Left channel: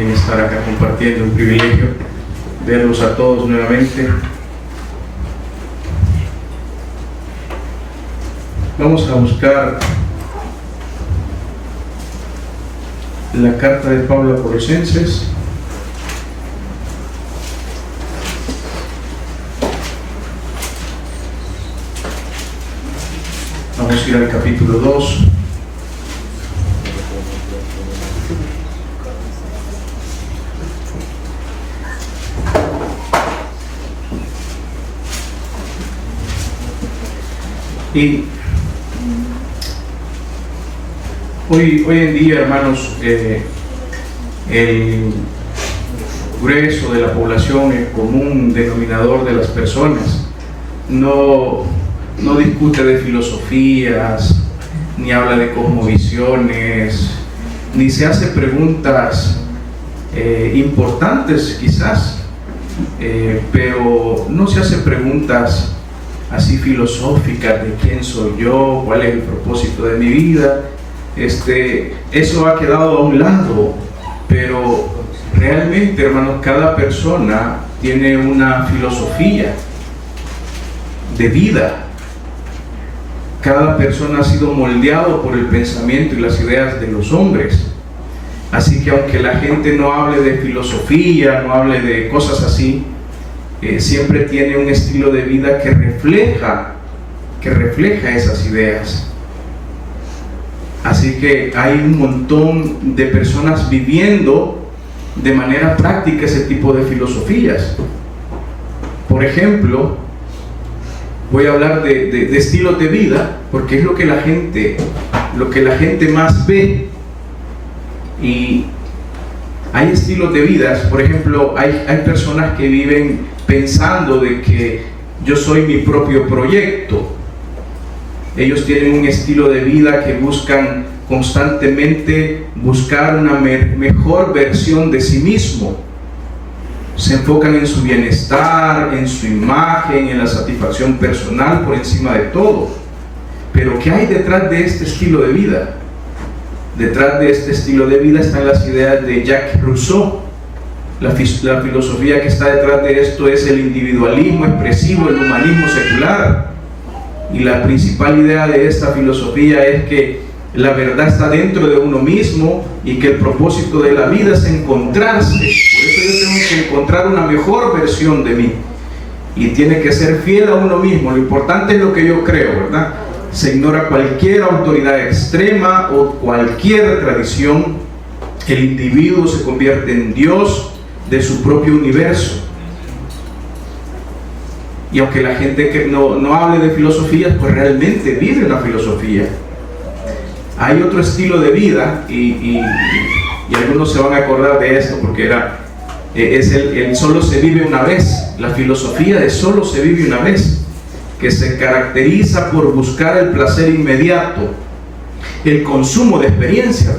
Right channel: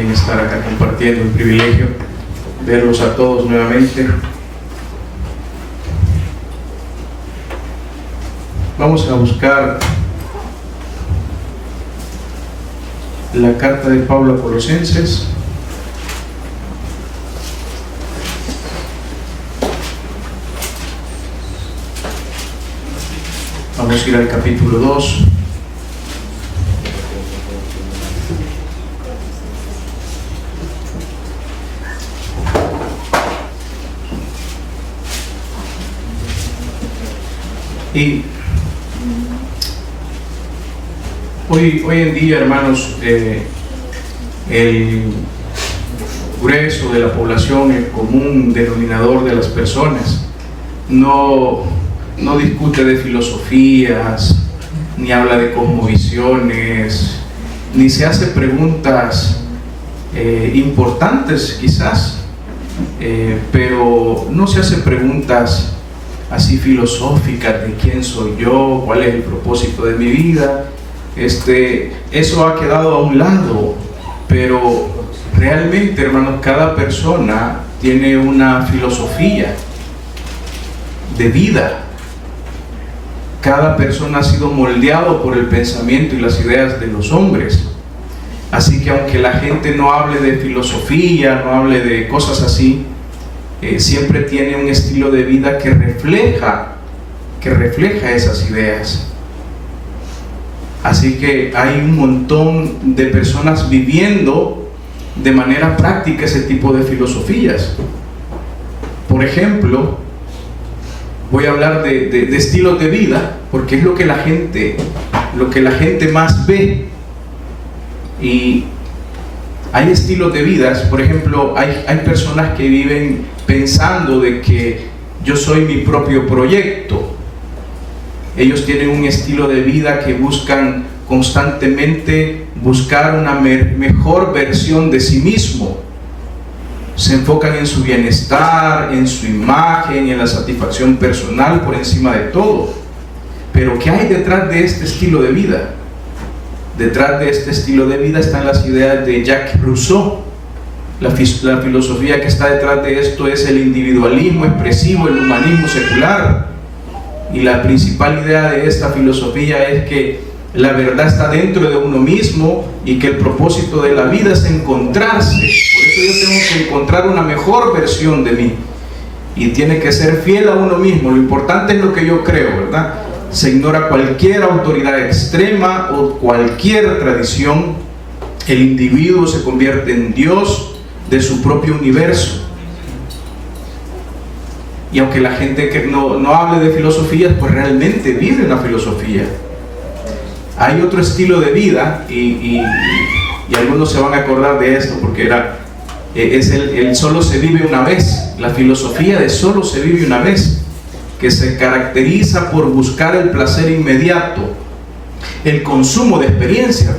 también estar acá compartiendo, un privilegio verlos a todos nuevamente. Vamos a buscar la carta de Pablo a Colosenses. Vamos a ir al capítulo 2. Y hoy en día, hermanos, el grueso de la población, el común denominador de las personas, no discute de filosofías, ni habla de cosmovisiones, ni se hace preguntas importantes quizás, pero no se hace preguntas así filosóficas de quién soy yo, cuál es el propósito de mi vida. Eso ha quedado a un lado, pero realmente, hermanos, cada persona tiene una filosofía de vida. Cada persona ha sido moldeado por el pensamiento y las ideas de los hombres. Así que aunque la gente no hable de filosofía, no hable de cosas así, siempre tiene un estilo de vida que refleja esas ideas. Así que hay un montón de personas viviendo de manera práctica ese tipo de filosofías. Por ejemplo, voy a hablar de estilos de vida, porque es lo que la gente más ve. Y hay estilos de vidas, por ejemplo, hay personas que viven pensando de que yo soy mi propio proyecto. Ellos tienen un estilo de vida que buscan constantemente buscar una mejor versión de sí mismo. Se enfocan en su bienestar, en su imagen, en la satisfacción personal por encima de todo. Pero ¿qué hay detrás de este estilo de vida? Detrás de este estilo de vida están las ideas de Jacques Rousseau. La filosofía que está detrás de esto es el individualismo expresivo, el humanismo secular. Y la principal idea de esta filosofía es que la verdad está dentro de uno mismo y que el propósito de la vida es encontrarse. Por eso yo tengo que encontrar una mejor versión de mí. Y tiene que ser fiel a uno mismo. Lo importante es lo que yo creo, ¿verdad? Se ignora cualquier autoridad extrema o cualquier tradición. El individuo se convierte en Dios de su propio universo. Y aunque la gente que no hable de filosofías, pues realmente vive la filosofía. Hay otro estilo de vida, y algunos se van a acordar de esto, porque es el solo se vive una vez, la filosofía de solo se vive una vez, que se caracteriza por buscar el placer inmediato, el consumo de experiencias.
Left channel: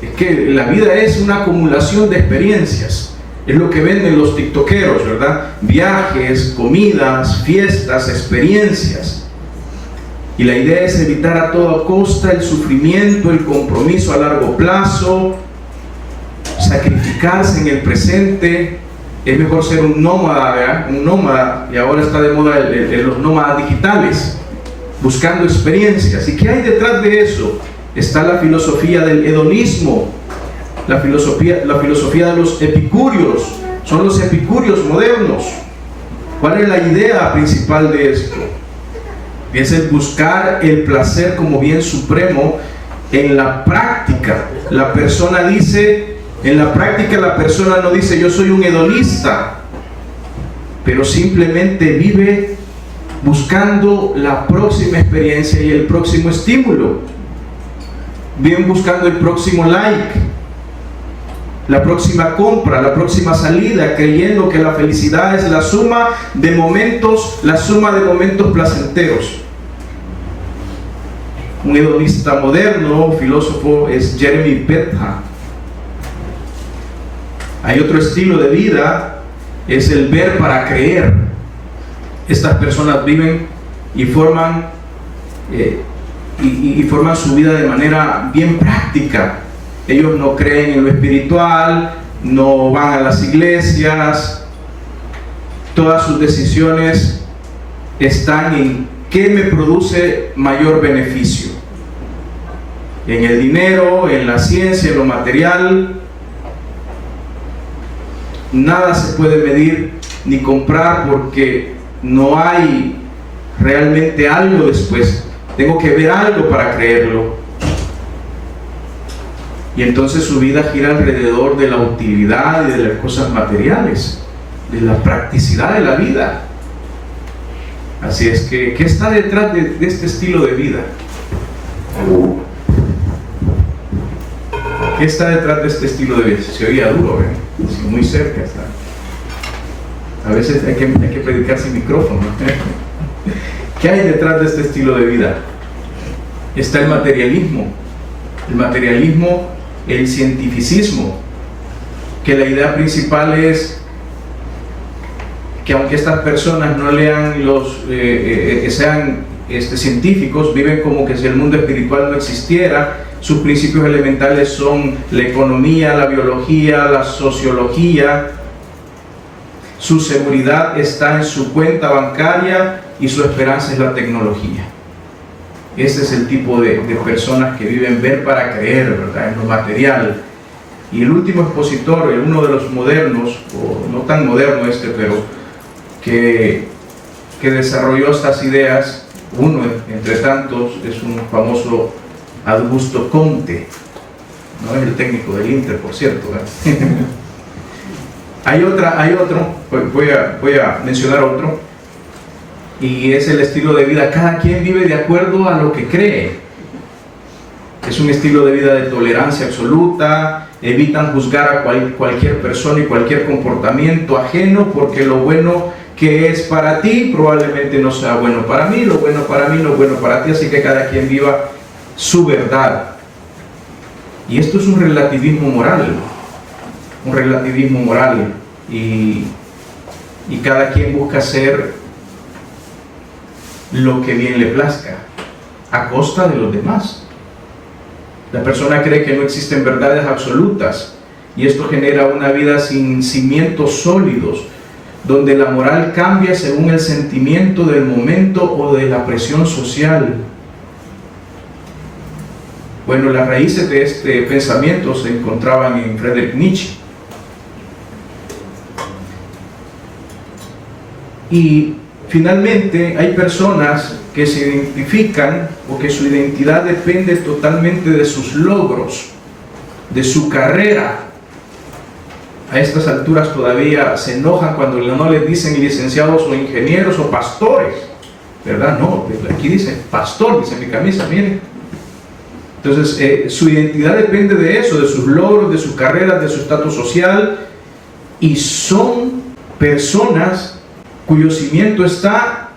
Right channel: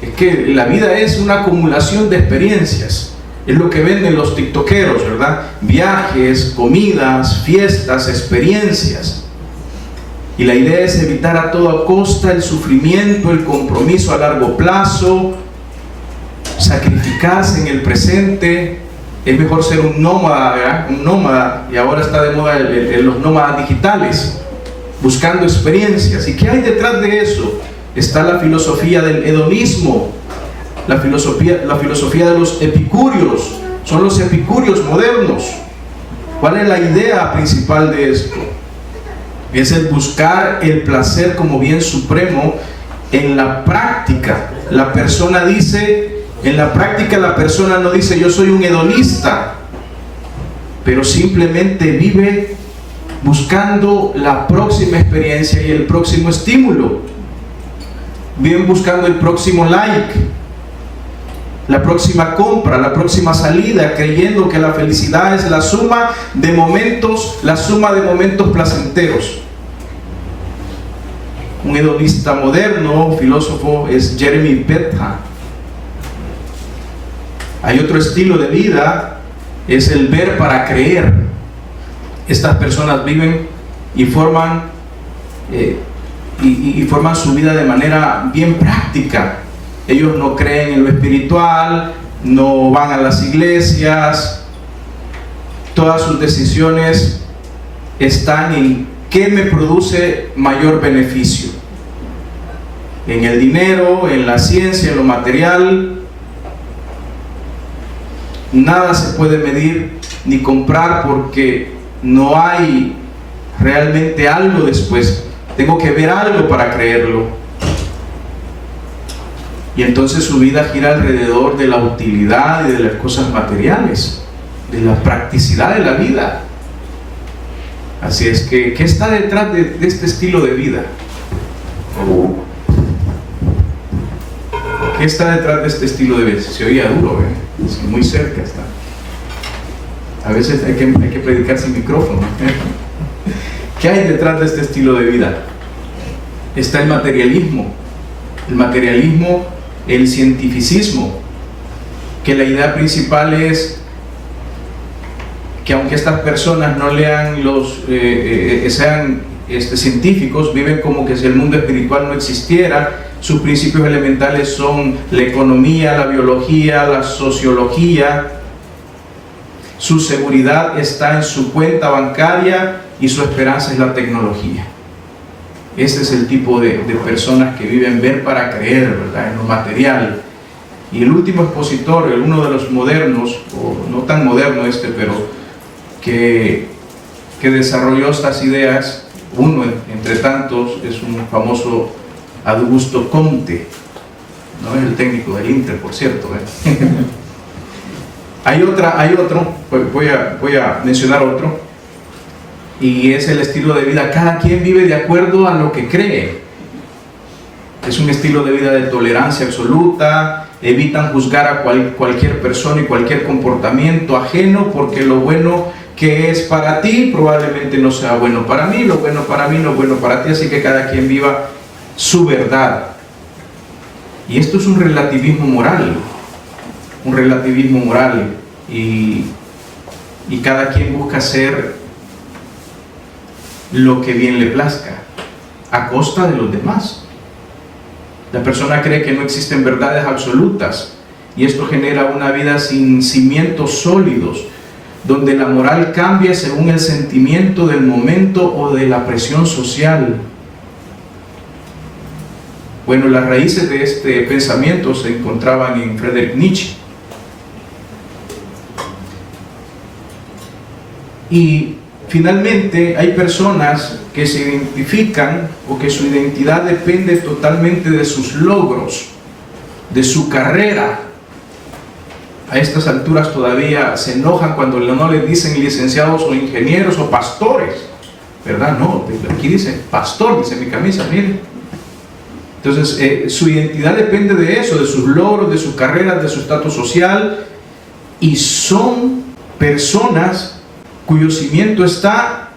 Es que la vida es una acumulación de experiencias. Es lo que venden los tiktokeros, ¿verdad? Viajes, comidas, fiestas, experiencias. Y la idea es evitar a toda costa el sufrimiento, el compromiso a largo plazo, sacrificarse en el presente. Es mejor ser un nómada, ¿verdad? Un nómada, y ahora está de moda los nómadas digitales, buscando experiencias. ¿Y qué hay detrás de eso? Está la filosofía del hedonismo. La filosofía de los epicúreos. Son los epicúreos modernos. ¿Cuál es la idea principal de esto? Es el buscar el placer como bien supremo en la práctica. La persona dice, en la práctica la persona no dice yo soy un hedonista, pero simplemente vive buscando la próxima experiencia y el próximo estímulo. Viven buscando el próximo like, la próxima compra, la próxima salida, creyendo que la felicidad es la suma de momentos placenteros. Un hedonista moderno, filósofo, es Jeremy Bentham. Hay otro estilo de vida, es el ver para creer. Estas personas viven y forman su vida de manera bien práctica. Ellos no creen en lo espiritual, no van a las iglesias. Todas sus decisiones están en qué me produce mayor beneficio, en el dinero, en la ciencia, en lo material. Nada se puede medir ni comprar porque no hay realmente algo después. Tengo que ver algo para creerlo. Y entonces su vida gira alrededor de la utilidad y de las cosas materiales, de la practicidad de la vida. Así es que, ¿qué está detrás de este estilo de vida? ¿Qué está detrás de este estilo de vida? Se oía duro, sí, muy cerca está. A veces hay que predicar sin micrófono. ¿Qué hay detrás de este estilo de vida? Está el materialismo, el cientificismo, que la idea principal es que aunque estas personas no lean sean científicos, viven como que si el mundo espiritual no existiera. Sus principios elementales son la economía, la biología, la sociología. Su seguridad está en su cuenta bancaria y su esperanza es la tecnología. Ese es el tipo de personas que viven ver para creer, ¿verdad?, en lo material. Y el último expositor, uno de los modernos, o no tan moderno pero que desarrolló estas ideas, uno entre tantos, es un famoso Augusto Comte, no es el técnico del Inter, por cierto. Hay otro, voy a mencionar otro, y es el estilo de vida. Cada quien vive de acuerdo a lo que cree. Es un estilo de vida de tolerancia absoluta. Evitan juzgar a cualquier persona y cualquier comportamiento ajeno, porque lo bueno que es para ti probablemente no sea bueno para mí, lo bueno para mí no es bueno para ti, así que cada quien viva su verdad. Y esto es un relativismo moral, y cada quien busca hacer lo que bien le plazca a costa de los demás. La persona cree que no existen verdades absolutas, y esto genera una vida sin cimientos sólidos, donde la moral cambia según el sentimiento del momento o de la presión social. Bueno, las raíces de este pensamiento se encontraban en Friedrich Nietzsche. Y finalmente hay personas que se identifican, o que su identidad depende totalmente de sus logros, de su carrera. A estas alturas todavía se enojan cuando no les dicen licenciados o ingenieros o pastores, ¿verdad? No, aquí dice pastor, dice mi camisa, miren. Entonces, su identidad depende de eso, de sus logros, de sus carreras, de su estatus social, y son personas cuyo cimiento está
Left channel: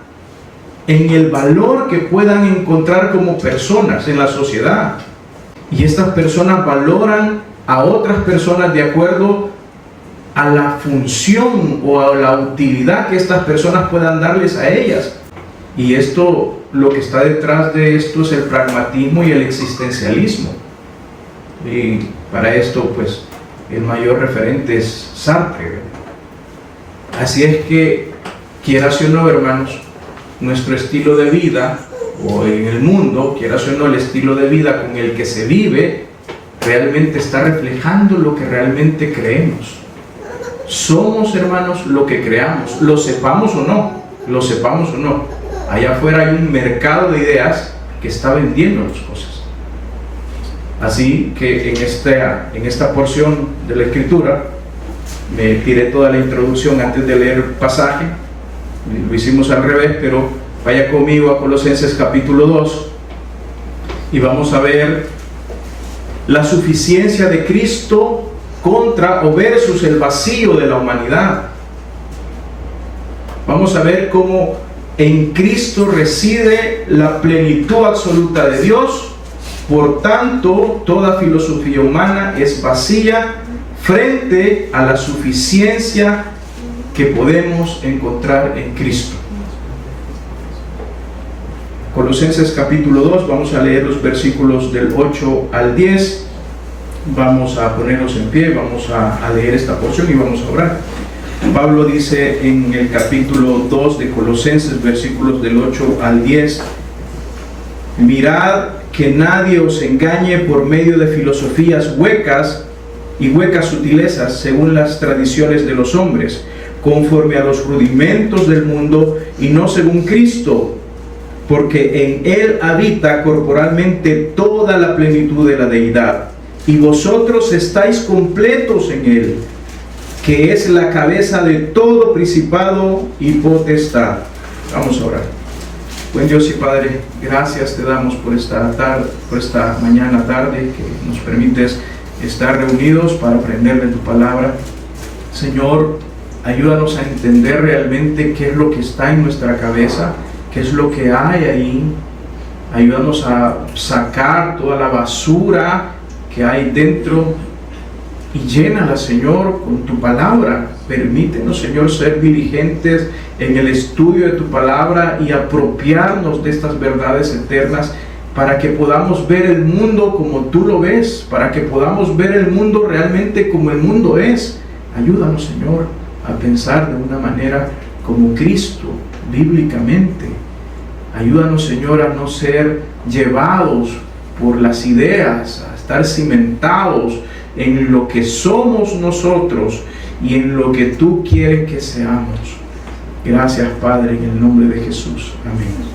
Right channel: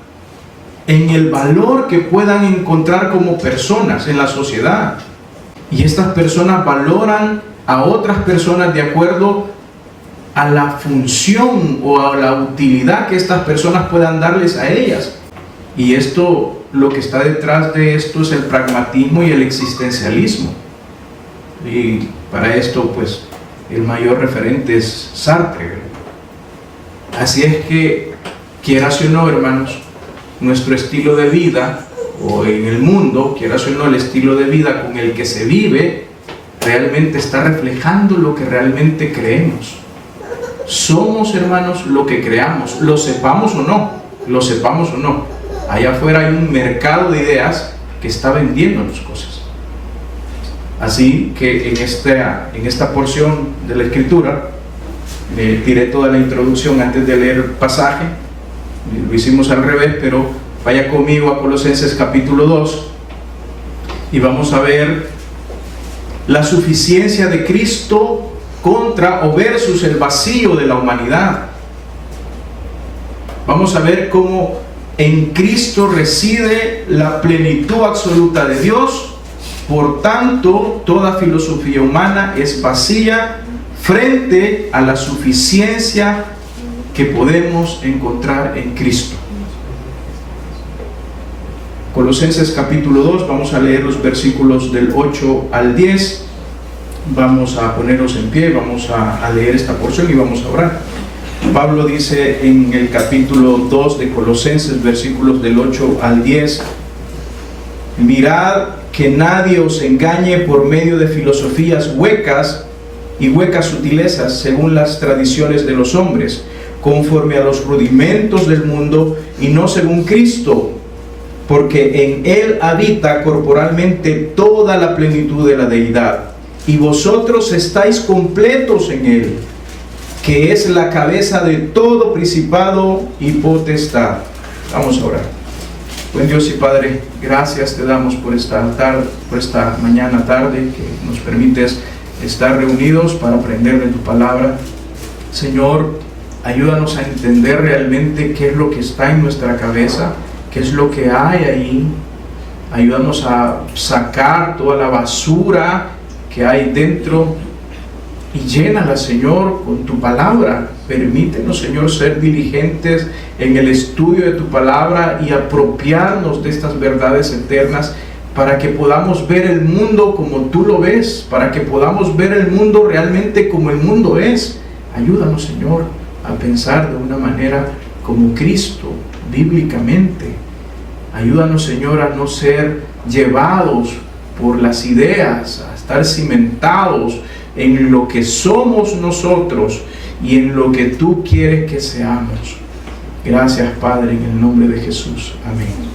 en el valor que puedan encontrar como personas en la sociedad. Y estas personas valoran a otras personas de acuerdo a la función o a la utilidad que estas personas puedan darles a ellas. Y esto, lo que está detrás de esto es el pragmatismo y el existencialismo. Y para esto, pues, el mayor referente es Sartre. Así es que, quieras o no, hermanos, nuestro estilo de vida, o en el mundo, quieras o no, el estilo de vida con el que se vive, realmente está reflejando lo que realmente creemos. Somos, hermanos, lo que creamos, lo sepamos o no. Allá afuera hay un mercado de ideas que está vendiendo las cosas. Así que en esta porción de la Escritura, me tiré toda la introducción antes de leer el pasaje. Lo hicimos al revés, pero vaya conmigo a Colosenses capítulo 2 y vamos a ver la suficiencia de Cristo contra o versus el vacío de la humanidad. Vamos a ver cómo en Cristo reside la plenitud absoluta de Dios. Por tanto, toda filosofía humana es vacía frente a la suficiencia que podemos encontrar en Cristo. Colosenses capítulo 2, vamos a leer los versículos del 8 al 10. Vamos a ponernos en pie, vamos a leer esta porción y vamos a orar. Pablo dice en el capítulo 2 de Colosenses, versículos del 8 al 10: mirad que nadie os engañe por medio de filosofías huecas y huecas sutilezas, según las tradiciones de los hombres, conforme a los rudimentos del mundo y no según Cristo, porque en Él habita corporalmente toda la plenitud de la deidad, y vosotros estáis completos en Él, que es la cabeza de todo principado y potestad. Vamos a orar. Buen Dios y Padre, gracias te damos por esta tarde, por esta mañana tarde, que nos permites estar reunidos para aprender de tu palabra. Señor, ayúdanos a entender realmente qué es lo que está en nuestra cabeza, qué es lo que hay ahí. Ayúdanos a sacar toda la basura que hay dentro y llénala, Señor, con tu palabra. Permítenos, Señor, ser diligentes en el estudio de tu palabra y apropiarnos de estas verdades eternas para que podamos ver el mundo como tú lo ves, para que podamos ver el mundo realmente como el mundo es. Ayúdanos, Señor, a pensar de una manera como Cristo, bíblicamente. Ayúdanos, Señor, a no ser llevados por las ideas, a estar cimentados en lo que somos nosotros y en lo que tú quieres que seamos. Gracias, Padre, en el nombre de Jesús. Amén.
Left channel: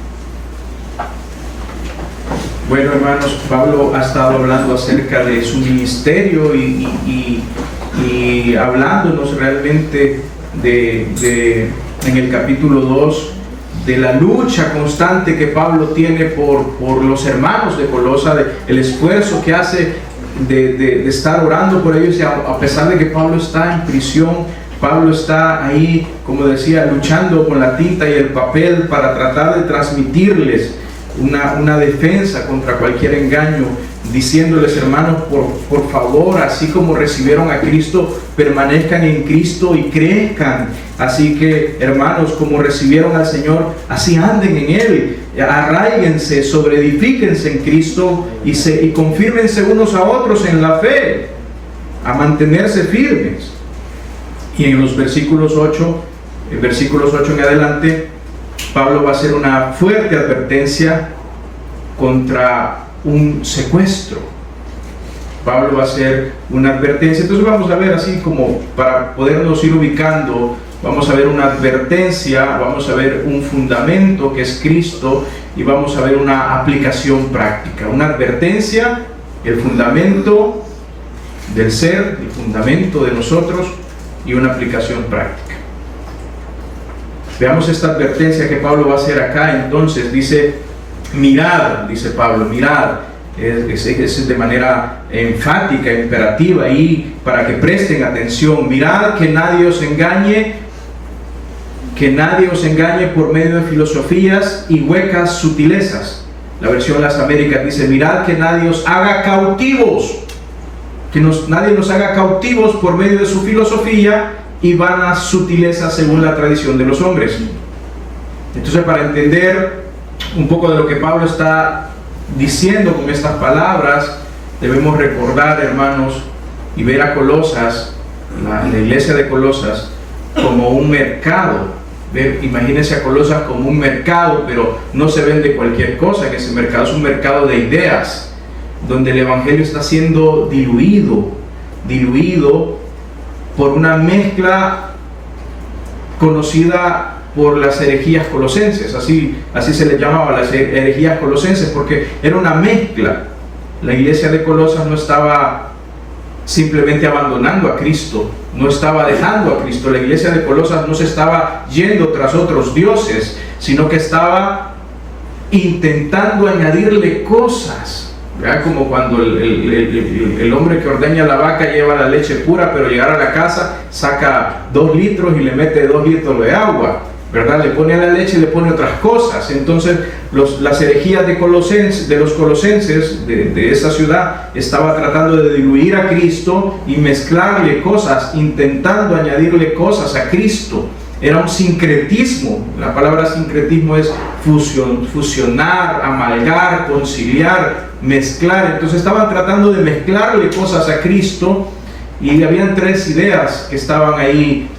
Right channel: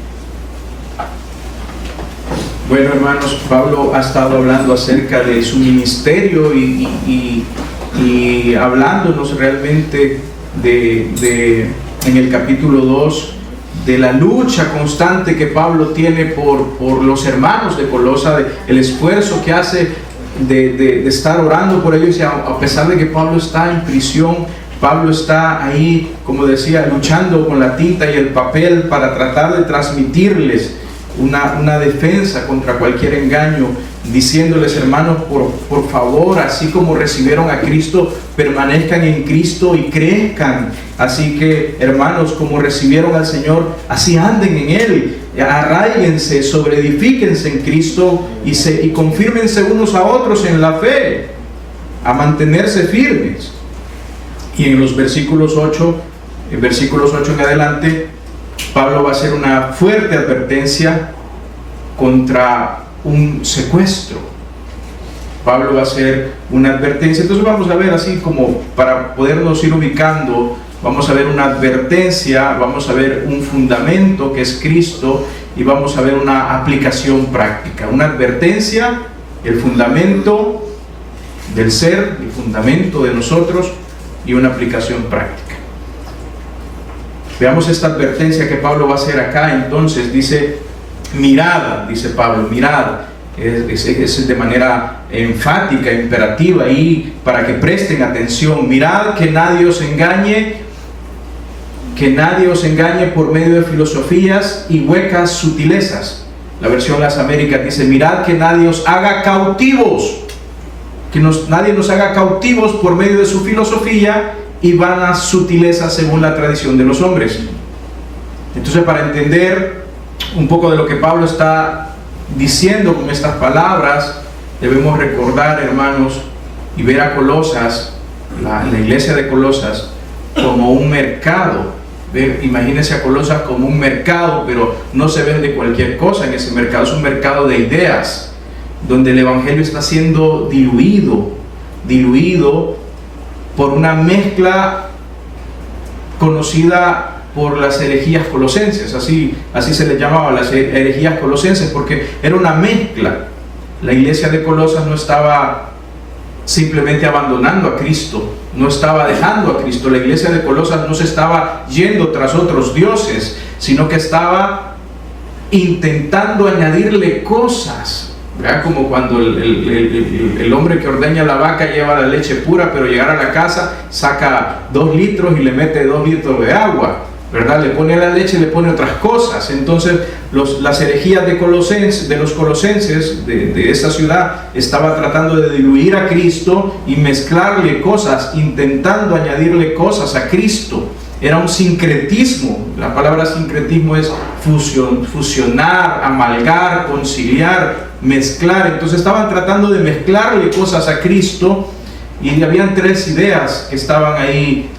Bueno, hermanos, Pablo ha estado hablando acerca de su ministerio y hablándonos realmente en el capítulo 2 de la lucha constante que Pablo tiene por los hermanos de Colosa, el esfuerzo que hace de estar orando por ellos, y a pesar de que Pablo está en prisión, Pablo está ahí, como decía, luchando con la tinta y el papel para tratar de transmitirles una defensa contra cualquier engaño, diciéndoles: hermanos, por favor, así como recibieron a Cristo, permanezcan en Cristo y crezcan. Así que, hermanos, como recibieron al Señor, así anden en Él. Arráiguense, sobreedifíquense en Cristo y confírmense unos a otros en la fe, a mantenerse firmes. Y en los versículos 8 en adelante, Pablo va a hacer una fuerte advertencia contra un secuestro. Pablo va a hacer una advertencia. Entonces vamos a ver, así como para podernos ir ubicando, vamos a ver una advertencia, vamos a ver un fundamento que es Cristo, y vamos a ver una aplicación práctica. Una advertencia, el fundamento del ser, el fundamento de nosotros, y una aplicación práctica. Veamos esta advertencia que Pablo va a hacer acá. Entonces dice: mirad, dice Pablo, mirad. Es de manera enfática, imperativa, y para que presten atención. Mirad que nadie os engañe, por medio de filosofías y huecas sutilezas. La versión Las Américas dice: mirad que nadie os haga cautivos, nadie nos haga cautivos por medio de su filosofía y vanas sutilezas según la tradición de los hombres. Entonces, para entender un poco de lo que Pablo está diciendo con estas palabras, debemos recordar, hermanos, y ver a Colosas, la iglesia de Colosas, como un mercado. Imagínense a Colosas como un mercado, pero no se vende cualquier cosa en ese mercado. Es un mercado de ideas, donde el evangelio está siendo diluido por una mezcla conocida por las herejías colosenses. Así se les llamaba, las herejías colosenses, porque era una mezcla. La iglesia de Colosas no estaba simplemente abandonando a Cristo, no estaba dejando a Cristo. La iglesia de Colosas no se estaba yendo tras otros dioses, sino que estaba intentando añadirle cosas. ¿Verdad? Como cuando el hombre que ordeña la vaca lleva la leche pura, pero llegar a la casa saca 2 litros y le mete 2 litros de agua, ¿verdad? Le pone a la leche y le pone otras cosas. Entonces las herejías de los colosenses de esa ciudad estaba tratando de diluir a Cristo y mezclarle cosas, intentando añadirle cosas a Cristo. Era un sincretismo. La palabra sincretismo es fusionar, amalgar, conciliar, mezclar. Entonces estaban tratando de mezclarle cosas a Cristo y habían tres ideas que estaban ahí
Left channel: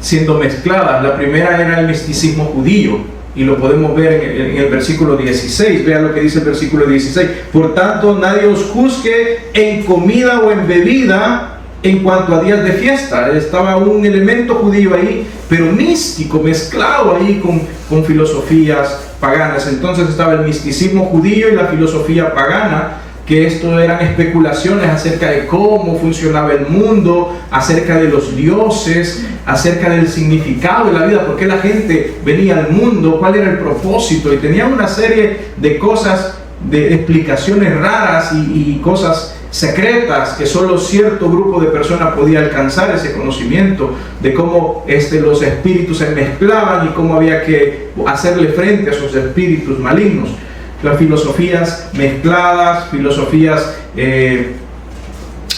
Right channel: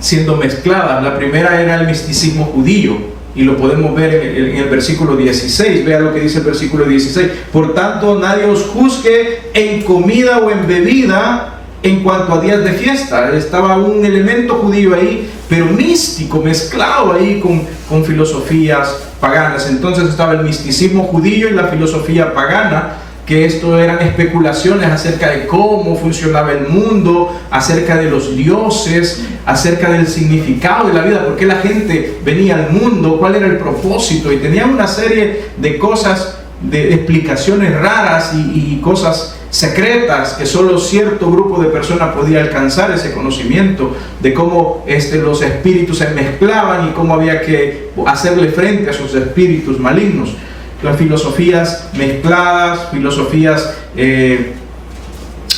siendo mezcladas. La primera era el misticismo judío, y lo podemos ver en el versículo 16. Vean lo que dice el versículo 16. Por tanto, nadie os juzgue en comida o en bebida en cuanto a días de fiesta. Estaba un elemento judío ahí, pero místico, mezclado ahí con filosofías paganas. Entonces estaba el misticismo judío y la filosofía pagana, que esto eran especulaciones acerca de cómo funcionaba el mundo, acerca de los dioses, acerca del significado de la vida, por qué la gente venía al mundo, cuál era el propósito, y tenían una serie de cosas, de explicaciones raras y cosas secretas que solo cierto grupo de personas podía alcanzar ese conocimiento de cómo los espíritus se mezclaban y cómo había que hacerle frente a esos espíritus malignos. Las filosofías mezcladas, filosofías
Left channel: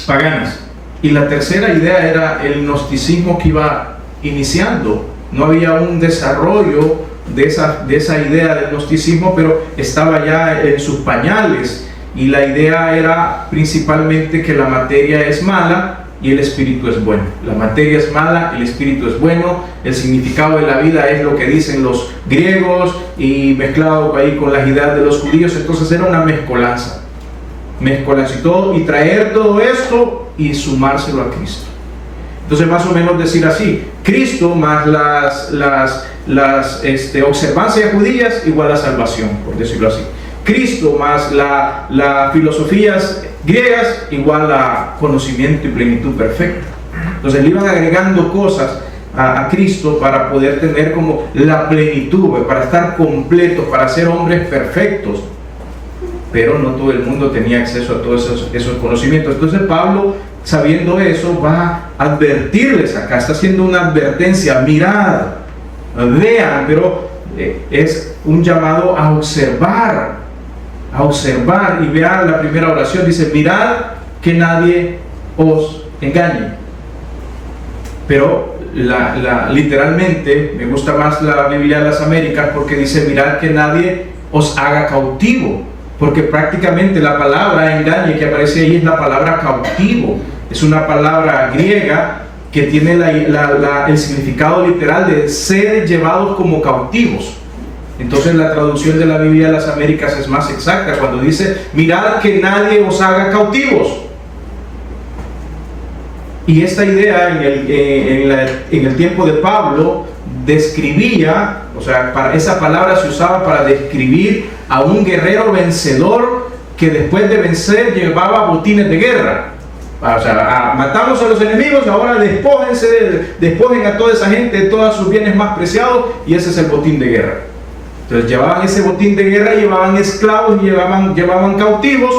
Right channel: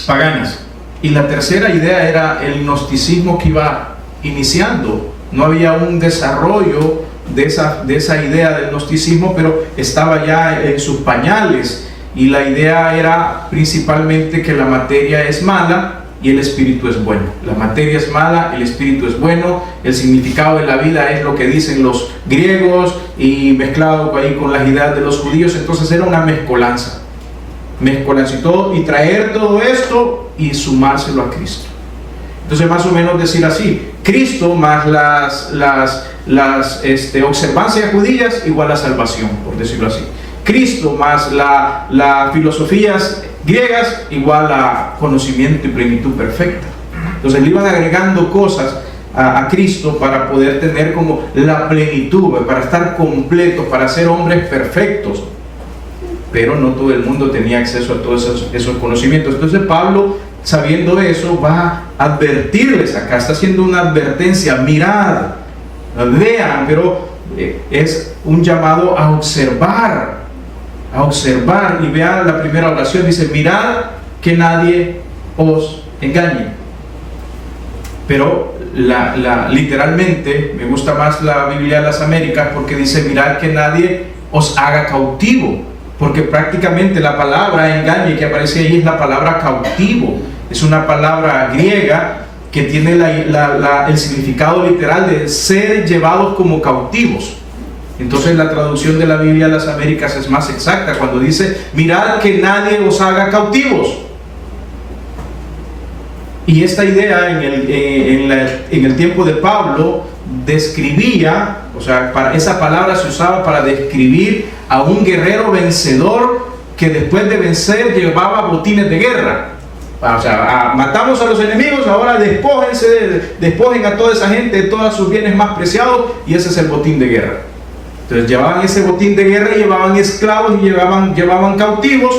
paganas. Y la tercera idea era el gnosticismo que iba iniciando. No había un desarrollo de esa idea del gnosticismo, pero estaba ya en sus pañales. Y la idea era principalmente que la materia es mala y el espíritu es bueno. La materia es mala, el espíritu es bueno. El significado de la vida es lo que dicen los griegos y mezclado ahí con las ideas de los judíos. Entonces era una mezcolanza y todo, y traer todo esto y sumárselo a Cristo. Entonces, más o menos decir así: Cristo más las observancias judías igual a salvación, por decirlo así. Cristo más las filosofías griegas igual a conocimiento y plenitud perfecta. Entonces le iban agregando cosas a Cristo para poder tener como la plenitud, para estar completos, para ser hombres perfectos. Pero no todo el mundo tenía acceso a todos esos conocimientos. Entonces Pablo, sabiendo eso, va a advertirles acá, está haciendo una advertencia: mirad, vean, pero es un llamado a observar, y vean la primera oración, dice: mirad que nadie os engañe. Pero literalmente me gusta más la Biblia de las Américas, porque dice: mirad que nadie os haga cautivo, porque prácticamente la palabra engañe que aparece ahí es la palabra cautivo. Es una palabra griega que tiene el significado literal de ser llevados como cautivos. Entonces la traducción de la Biblia de las Américas es más exacta cuando dice: mirad que nadie os haga cautivos. Y esta idea en el tiempo de Pablo describía, o sea, esa palabra se usaba para describir a un guerrero vencedor que después de vencer llevaba botines de guerra. O sea, matamos a los enemigos, ahora despojen a toda esa gente de todos sus bienes más preciados, y ese es el botín de guerra. Entonces llevaban ese botín de guerra, llevaban esclavos y llevaban cautivos,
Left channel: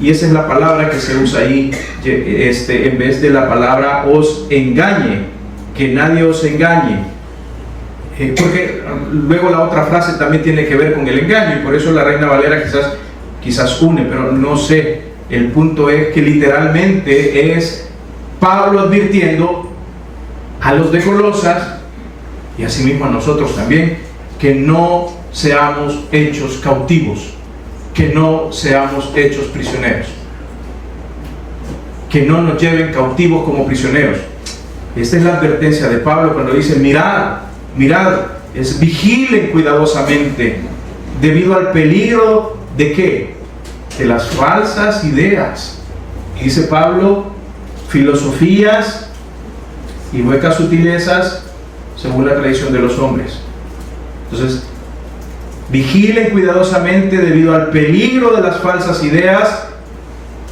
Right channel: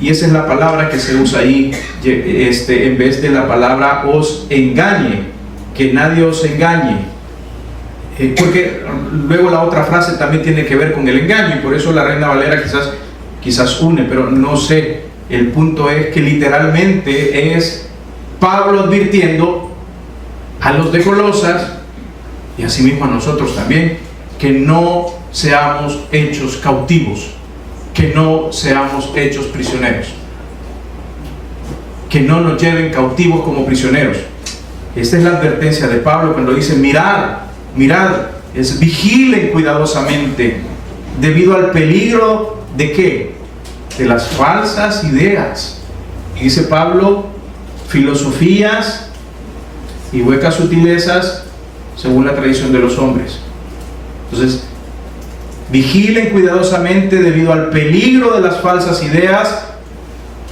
y esa es la palabra que se usa ahí, en vez de la palabra os engañe, que nadie os engañe. Porque luego la otra frase también tiene que ver con el engaño, y por eso la Reina Valera quizás une, pero no sé. El punto es que literalmente es Pablo advirtiendo a los de Colosas, y asimismo a nosotros también, que no seamos hechos cautivos, que no seamos hechos prisioneros, que no nos lleven cautivos como prisioneros. Esta es la advertencia de Pablo cuando dice: mirad, vigilen cuidadosamente, debido al peligro ¿de qué? De las falsas ideas. Dice Pablo: filosofías y huecas sutilezas según la tradición de los hombres. Entonces, vigilen cuidadosamente debido al peligro de las falsas ideas,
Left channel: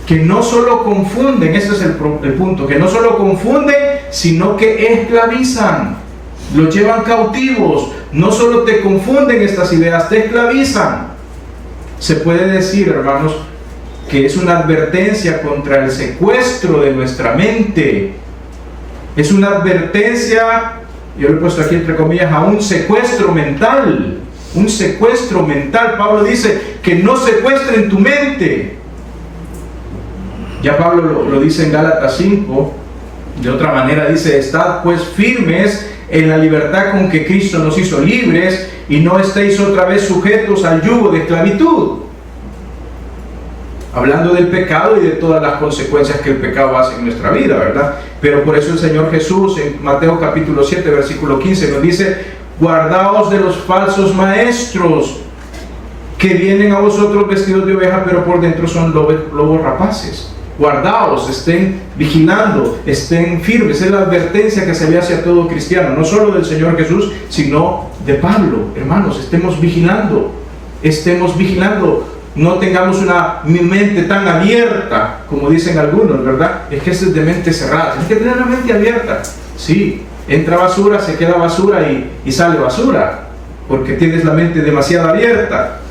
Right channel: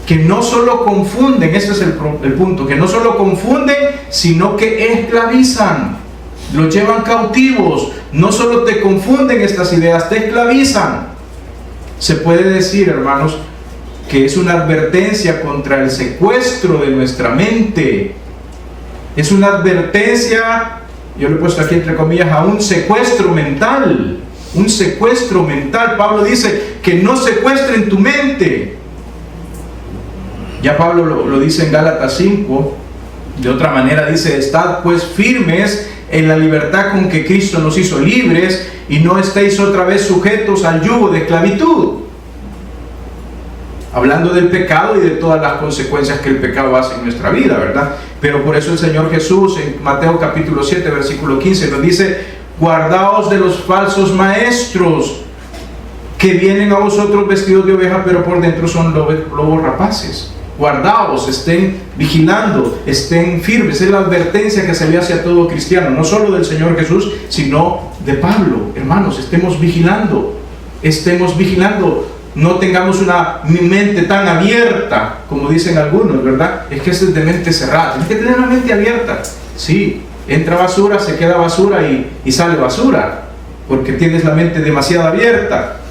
que no solo confunden, este es el punto, que no solo confunden, sino que esclavizan, los llevan cautivos. No solo te confunden estas ideas, te esclavizan. Se puede decir, hermanos, que es una advertencia contra el secuestro de nuestra mente. Es una advertencia, yo lo he puesto aquí entre comillas, a un secuestro mental. Un secuestro mental. Pablo dice que no secuestren tu mente. Ya Pablo lo dice en Gálatas 5. De otra manera dice: estad pues firmes en la libertad con que Cristo nos hizo libres, y no estéis otra vez sujetos al yugo de esclavitud. hablando del pecado y de todas las consecuencias que el pecado hace en nuestra vida, ¿verdad? Pero por eso el Señor Jesús en Mateo capítulo 7, versículo 15 nos dice: guardaos de los falsos maestros que vienen a vosotros vestidos de oveja, pero por dentro son lobos rapaces. Guardaos, estén vigilando, estén firmes. Es la advertencia que se le hace a todo cristiano, no solo del Señor Jesús, sino de Pablo. Hermanos, estemos vigilando, no tengamos una mente tan abierta como dicen algunos, ¿verdad? Es que es de mente cerrada, hay que tener la mente abierta. Sí, entra basura, se queda basura y sale basura, porque tienes la mente demasiado abierta.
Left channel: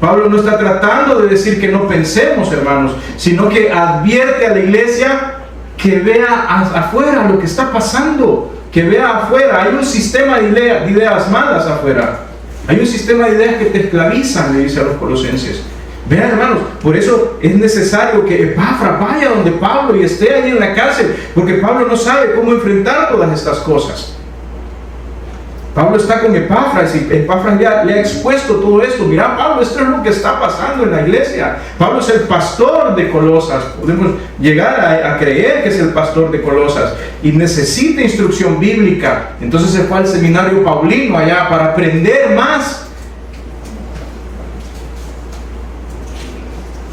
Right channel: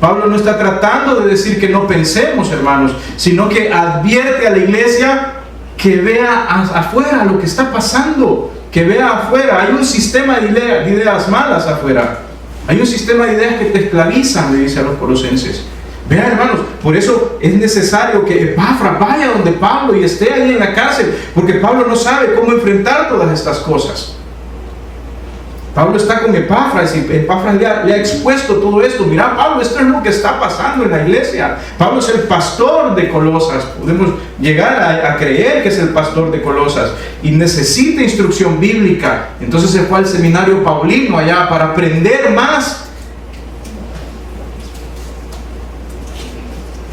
Pablo no está tratando de decir que no pensemos, hermanos, sino que advierte a la iglesia que vea afuera lo que está pasando, que vea afuera. Hay un sistema de ideas malas afuera. Hay un sistema de ideas que te esclavizan, le dice a los colosenses. Vean, hermanos, por eso es necesario que Epafras vaya donde Pablo y esté ahí en la cárcel, porque Pablo no sabe cómo enfrentar todas estas cosas. Pablo está con Epafras y Epafras le ha expuesto todo esto. Mira, Pablo, esto es lo que está pasando en la iglesia. Pablo es el pastor de Colosas. Podemos llegar a creer que es el pastor de Colosas y necesita instrucción bíblica. Entonces se fue al seminario paulino allá para aprender más.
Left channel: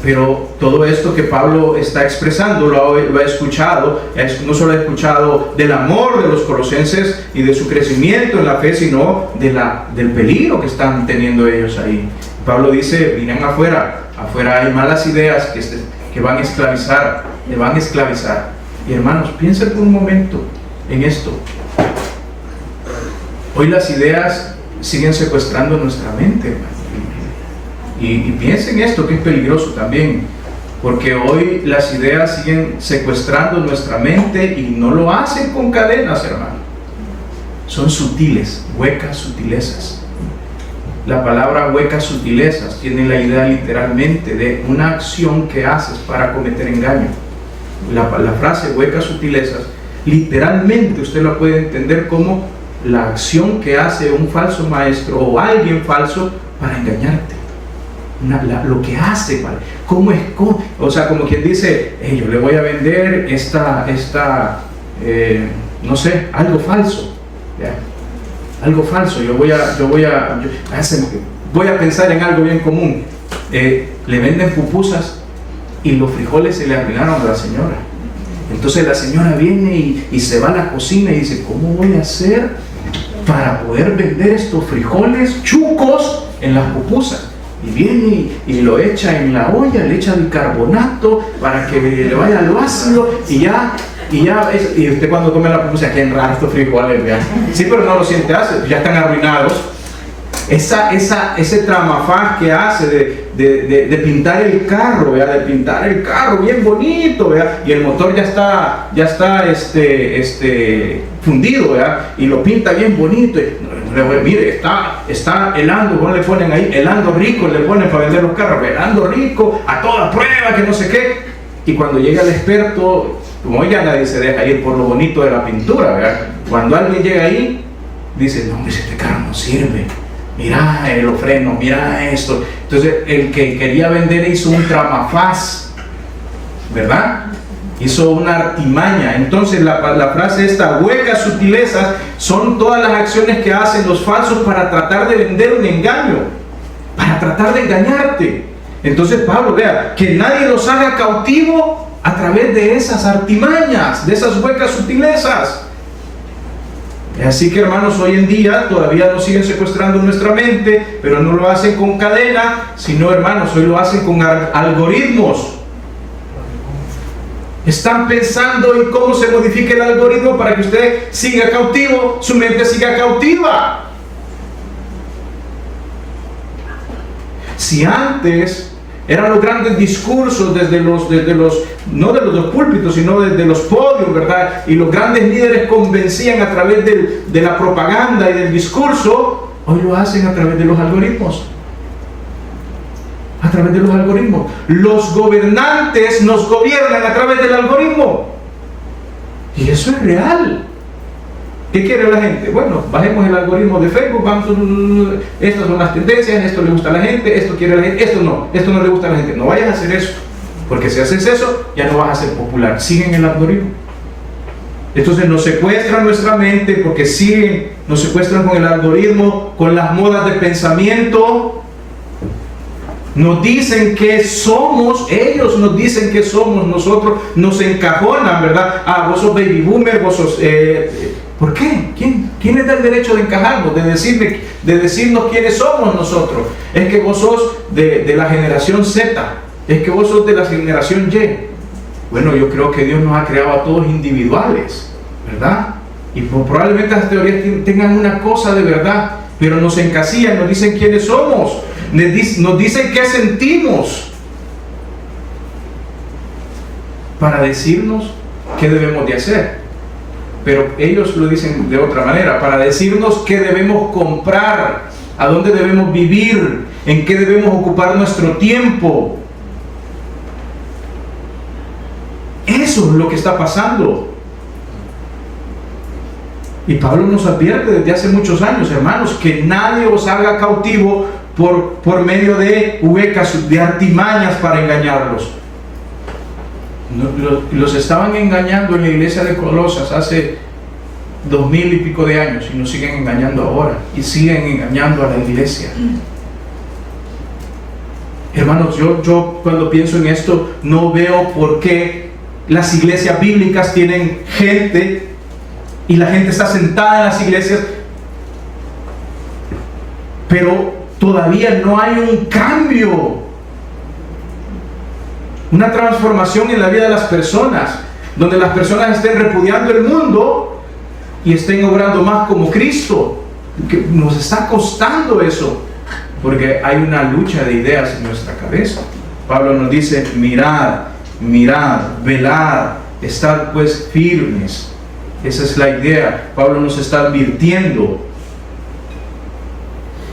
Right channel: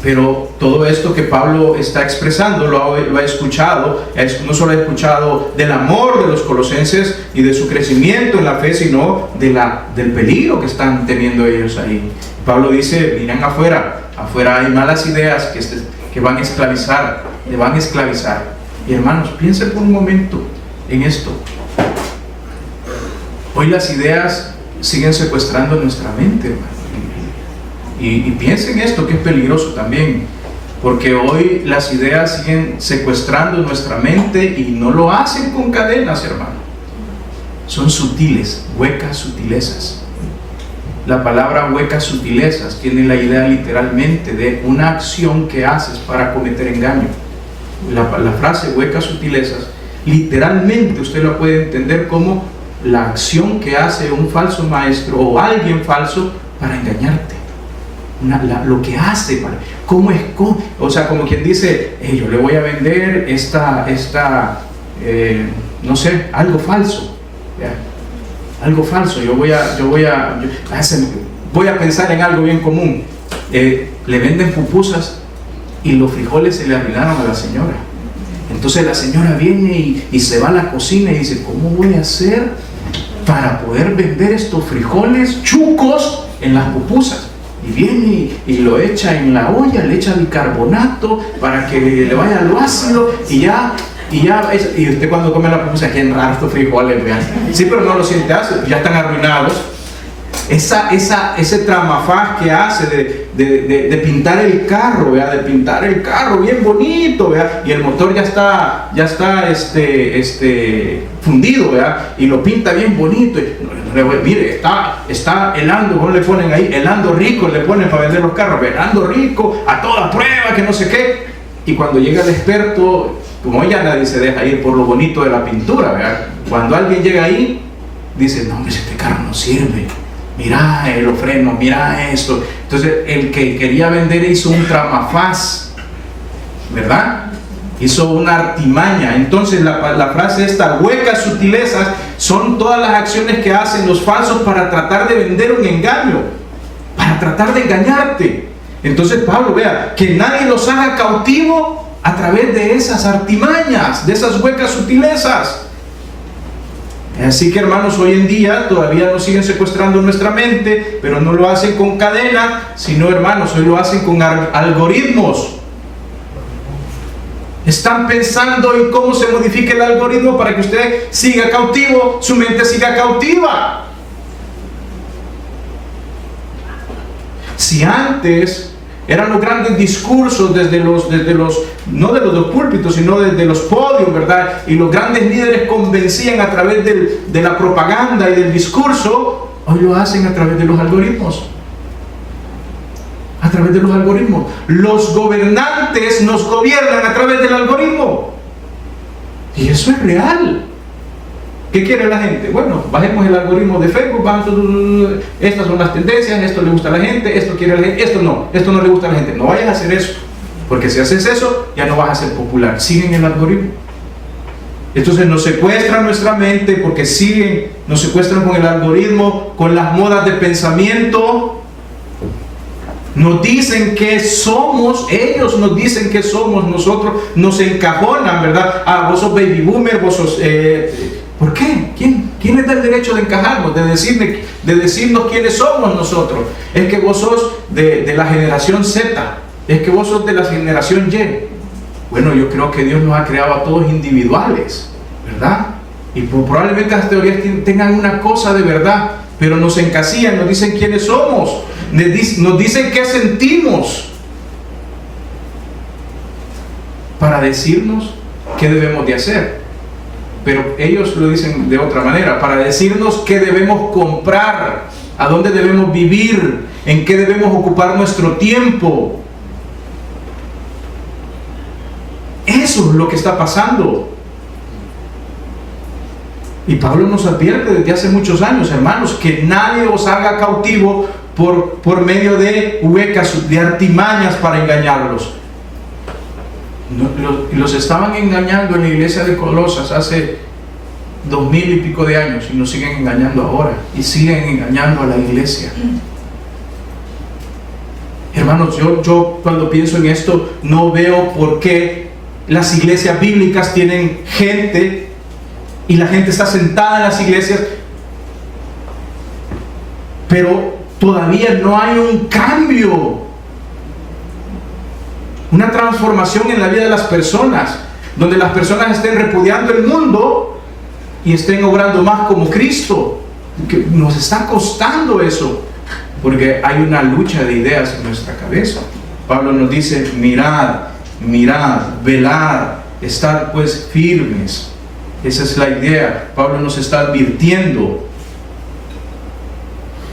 Pero todo esto que Pablo está expresando lo ha escuchado, no solo ha escuchado del amor de los colosenses y de su crecimiento en la fe, sino del peligro que están teniendo ellos ahí. Pablo dice: miren afuera hay malas ideas que van a esclavizar, te van a esclavizar. Y hermanos, piensen por un momento en esto. Hoy las ideas siguen secuestrando nuestra mente, hermanos. Y piensen esto, que es peligroso también, porque hoy las ideas siguen secuestrando nuestra mente y no lo hacen con cadenas, hermano. Son sutiles, huecas sutilezas. La palabra huecas sutilezas tiene la idea literalmente de una acción que haces para cometer engaño. La frase huecas sutilezas, literalmente usted la puede entender como la acción que hace un falso maestro o alguien falso para engañarte. Lo que hace, ¿cómo es? O sea, como quien dice: yo le voy a vender no sé, algo falso, ¿ya? Algo falso. Yo voy a pensar en algo bien común. Le venden pupusas y los frijoles se le arruinaron a la señora. Entonces la señora viene y se va a la cocina y dice: ¿cómo voy a hacer para poder vender estos frijoles chucos en las pupusas? Y viene y lo echa en la olla, le echa bicarbonato para que le vaya lo ácido y usted cuando come la pupusa, qué raro estos frijoles, vean. Sí, pero no lo siente ácido, ya están arruinados. Ese tramafaz que hace de pintar el carro, ¿vea? De pintar el carro bien bonito, ¿vea? Y el motor ya está fundido, ¿vea? Y lo pinta bien bonito. Mire, está helando, ¿cómo le ponen ahí? Helando rico, le ponen para vender los carros, helando rico, a toda prueba, que no sé qué. Y cuando llega el experto, como ya nadie se deja ir por lo bonito de la pintura, ¿verdad? Cuando alguien llega ahí, dice: no, hombre, este carro no sirve. Mira los frenos, mira esto. Entonces el que quería vender hizo un tramafaz, ¿verdad? Hizo una artimaña. Entonces la frase esta, huecas sutilezas, son todas las acciones que hacen los falsos para tratar de vender un engaño, para tratar de engañarte. Entonces Pablo, vea, que nadie los haga cautivo a través de esas artimañas, de esas huecas sutilezas. Así que, hermanos, hoy en día todavía nos siguen secuestrando nuestra mente, pero no lo hacen con cadena, sino, hermanos, hoy lo hacen con algoritmos. Están pensando en cómo se modifica el algoritmo para que usted siga cautivo, su mente siga cautiva. Si antes eran los grandes discursos no de los púlpitos, sino desde los podios, ¿verdad? Y los grandes líderes convencían a través de la propaganda y del discurso, hoy lo hacen a través de los algoritmos. A través de los algoritmos. Los gobernantes nos gobiernan a través del algoritmo. Y eso es real. ¿Qué quiere la gente? Bueno, bajemos el algoritmo de Facebook, estas son las tendencias, esto le gusta a la gente, esto quiere la gente, esto no le gusta a la gente. No vayas a hacer eso, porque si haces eso, ya no vas a ser popular. Siguen el algoritmo. Entonces nos secuestran nuestra mente porque nos secuestran con el algoritmo, con las modas de pensamiento. Nos dicen que somos, ellos nos dicen que somos, nosotros nos encajonan, ¿verdad? Vos sos baby boomer, vos sos... ¿Por qué? ¿Quién les da el derecho de encajarnos, de decirnos quiénes somos nosotros? Es que vos sos de la generación Z, es que vos sos de la generación Y. Bueno, yo creo que Dios nos ha creado a todos individuales, ¿verdad? Y probablemente las teorías tengan una cosa de verdad, pero nos encasillan, nos dicen quiénes somos, nos dicen qué sentimos, para decirnos qué debemos de hacer. Pero ellos lo dicen de otra manera, para decirnos qué debemos comprar, a dónde debemos vivir, en qué debemos ocupar nuestro tiempo. Eso es lo que está pasando. Y Pablo nos advierte desde hace muchos años, hermanos, que nadie os haga cautivo por medio de huecas, de artimañas para engañarlos. Los estaban engañando en la iglesia de Colosas hace 2000 y pico de años y nos siguen engañando ahora y siguen engañando a la iglesia. Hermanos, yo cuando pienso en esto no veo por qué las iglesias bíblicas tienen gente y la gente está sentada en las iglesias, pero todavía no hay un cambio, una transformación en la vida de las personas, donde las personas estén repudiando el mundo y estén obrando más como Cristo. Que nos está costando eso, porque hay una lucha de ideas en nuestra cabeza. Pablo nos dice: mirad, velad, estad pues firmes. Esa es la idea. Pablo nos está advirtiendo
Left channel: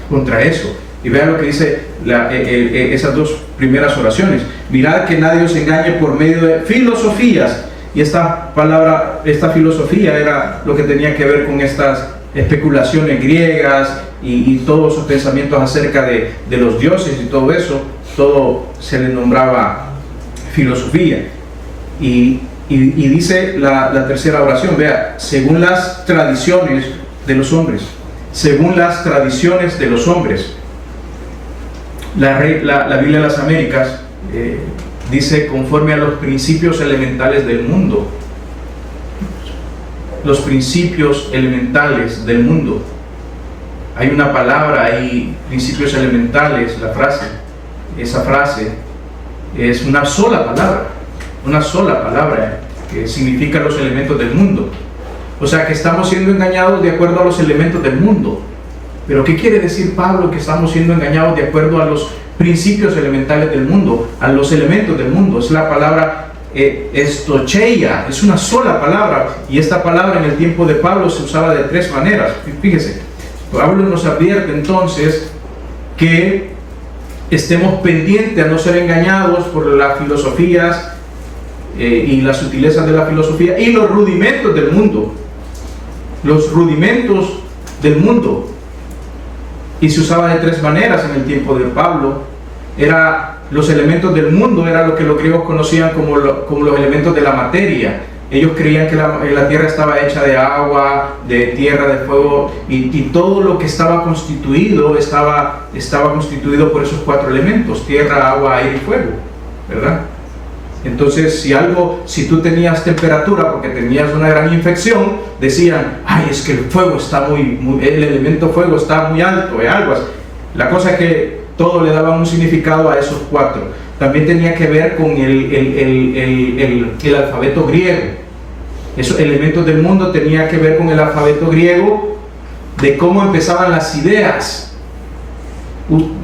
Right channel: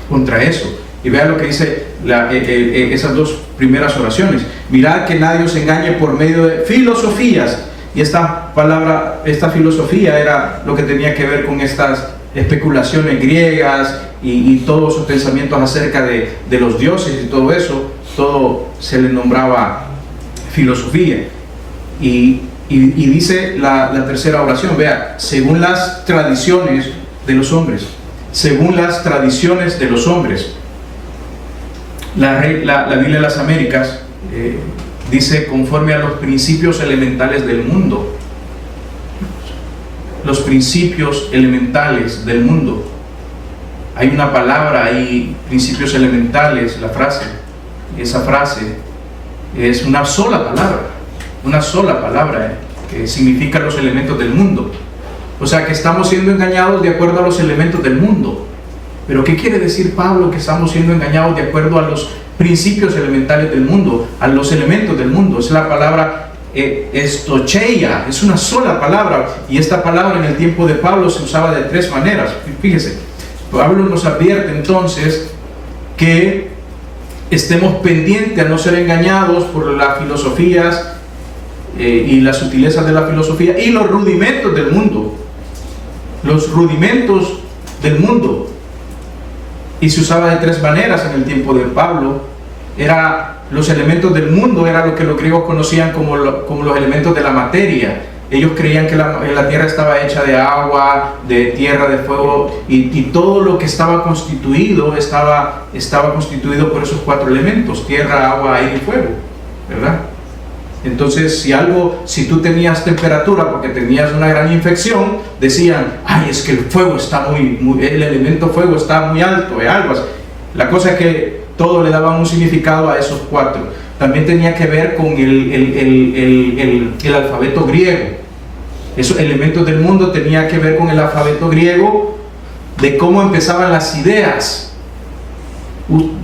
contra eso. Y vean lo que dice esas dos primeras oraciones. Mirad que nadie os engañe por medio de filosofías. Y esta filosofía era lo que tenía que ver con estas especulaciones griegas y todos esos pensamientos acerca de los dioses y todo eso. Todo se le nombraba filosofía. Y dice la tercera oración, vean, según las tradiciones de los hombres. Según las tradiciones de los hombres. La Biblia de las Américas dice conforme a los principios elementales del mundo. Los principios elementales del mundo. Hay una palabra ahí, principios elementales, esa frase es una sola palabra que significa los elementos del mundo. O sea que estamos siendo engañados de acuerdo a los elementos del mundo. Pero ¿qué quiere decir Pablo que estamos siendo engañados de acuerdo a los principios elementales del mundo, a los elementos del mundo? Es la palabra estocheia, es una sola palabra, y esta palabra en el tiempo de Pablo se usaba de tres maneras. Fíjese, Pablo nos advierte entonces que estemos pendientes a no ser engañados por las filosofías y las sutilezas de la filosofía y los rudimentos del mundo. Los rudimentos del mundo. Y se usaba de tres maneras en el tiempo de Pablo. Los elementos del mundo, era lo que los griegos conocían como los elementos de la materia. Ellos creían que la tierra estaba hecha de agua, de tierra, de fuego, y todo lo que estaba constituido constituido por esos cuatro elementos: tierra, agua, aire y fuego, ¿verdad? Entonces, si tú tenías temperatura porque tenías una gran infección, decían: ay, es que el fuego está el elemento fuego está muy alto, algo así. La cosa es que todo le daba un significado a esos cuatro. También tenía que ver con el alfabeto griego. Esos elementos del mundo tenía que ver con el alfabeto griego, de cómo empezaban las ideas.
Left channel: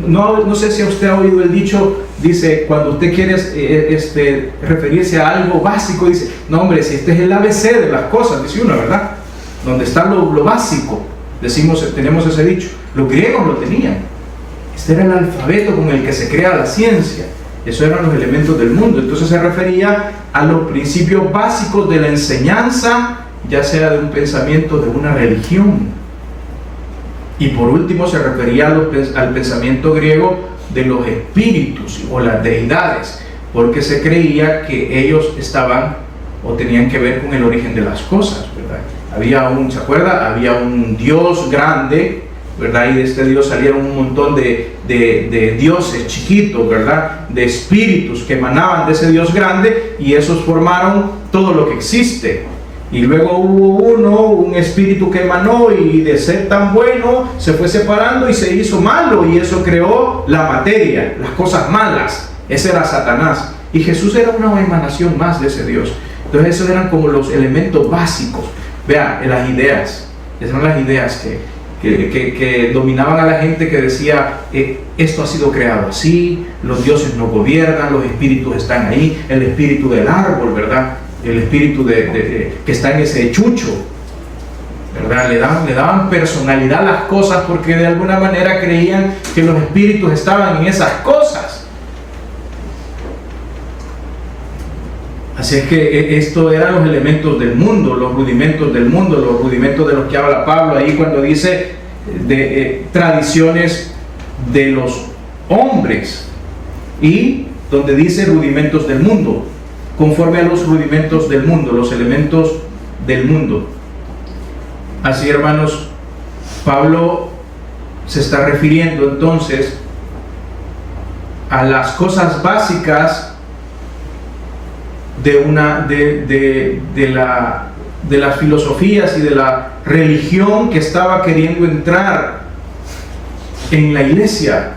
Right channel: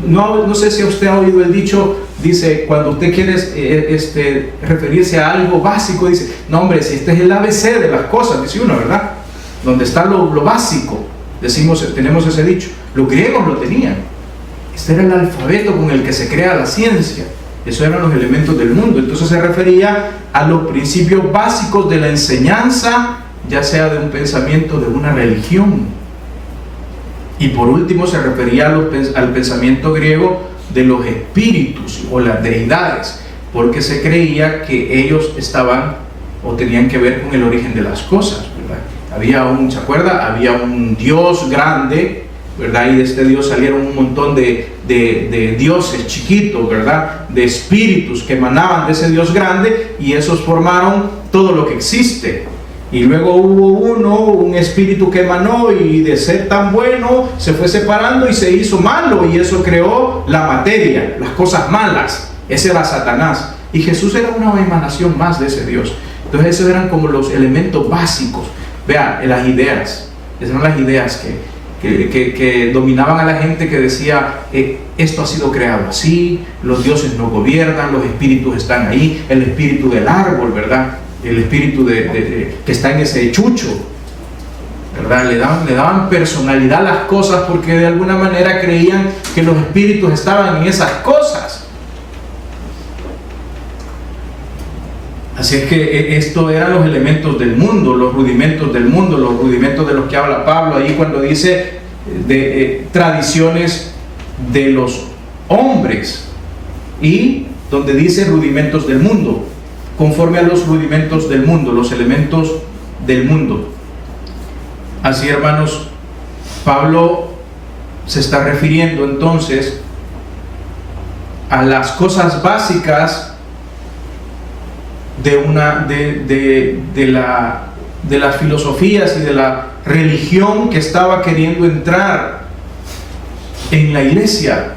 No sé si usted ha oído el dicho. Dice, cuando usted quiere referirse a algo básico, dice: no, hombre, si este es el ABC de las cosas, dice uno, ¿verdad? Donde está lo básico, tenemos ese dicho. Los griegos lo tenían. Este era el alfabeto con el que se crea la ciencia. Esos eran los elementos del mundo. Entonces se refería a los principios básicos de la enseñanza ya sea de un pensamiento de una religión. Y por último se refería al pensamiento griego de los espíritus o las deidades, porque se creía que ellos estaban o tenían que ver con el origen de las cosas, ¿verdad? ¿Se acuerda? Había un Dios grande, ¿verdad? Y de este Dios salieron un montón de dioses chiquitos, ¿verdad? De espíritus que emanaban de ese Dios grande, y esos formaron todo lo que existe. Y luego hubo un espíritu que emanó, y de ser tan bueno se fue separando y se hizo malo, y eso creó la materia, las cosas malas. Ese era Satanás, y Jesús era una emanación más de ese Dios. Entonces esos eran como los elementos básicos. Vean, las ideas, esas eran las ideas que dominaban a la gente, que decía, esto ha sido creado así, los dioses no gobiernan, los espíritus están ahí, el espíritu del árbol, ¿verdad? El espíritu que está en ese chucho, ¿verdad? Le daban personalidad a las cosas, porque de alguna manera creían que los espíritus estaban en esas cosas. Así es que esto eran los elementos del mundo, los rudimentos del mundo, los rudimentos de los que habla Pablo ahí cuando dice de tradiciones de los hombres, y donde dice rudimentos del mundo, conforme a los rudimentos del mundo, los elementos del mundo. Así, hermanos, Pablo se está refiriendo entonces a las cosas básicas de las filosofías y de la religión que estaba queriendo entrar en la iglesia.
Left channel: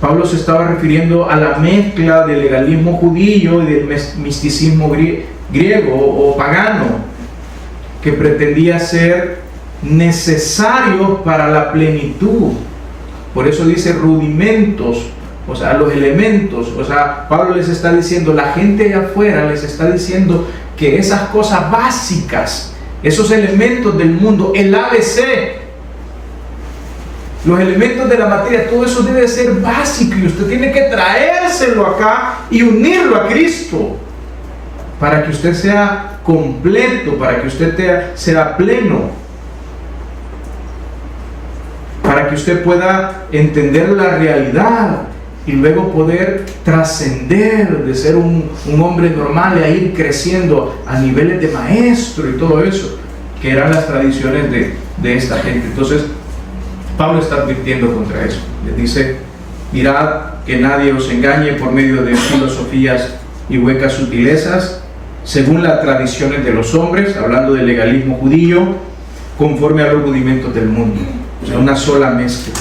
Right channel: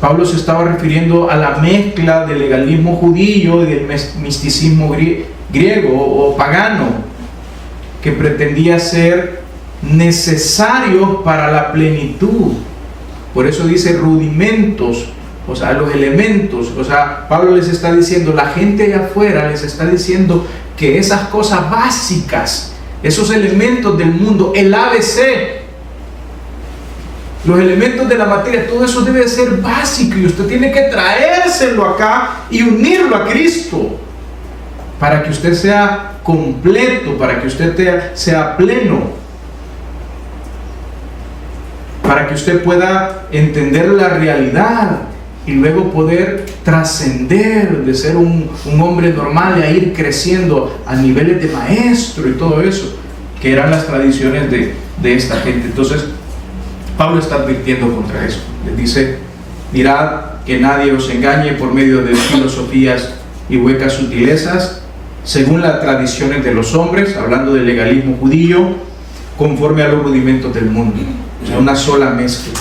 Pablo se estaba refiriendo a la mezcla del legalismo judío y del misticismo griego o pagano, que pretendía ser necesario para la plenitud. Por eso dice rudimentos, o sea, los elementos. O sea, Pablo les está diciendo, la gente de afuera les está diciendo que esas cosas básicas, esos elementos del mundo, el ABC, los elementos de la materia, todo eso debe ser básico, y usted tiene que traérselo acá y unirlo a Cristo para que usted sea completo, para que usted sea pleno, para que usted pueda entender la realidad y luego poder trascender de ser un hombre normal y a ir creciendo a niveles de maestro y todo eso, que eran las tradiciones de esta gente. Entonces Pablo está advirtiendo contra eso. Les dice, mirad que nadie os engañe por medio de filosofías y huecas sutilezas, según las tradiciones de los hombres, hablando del legalismo judío, conforme a los rudimentos del mundo. O sea, una sola mezcla,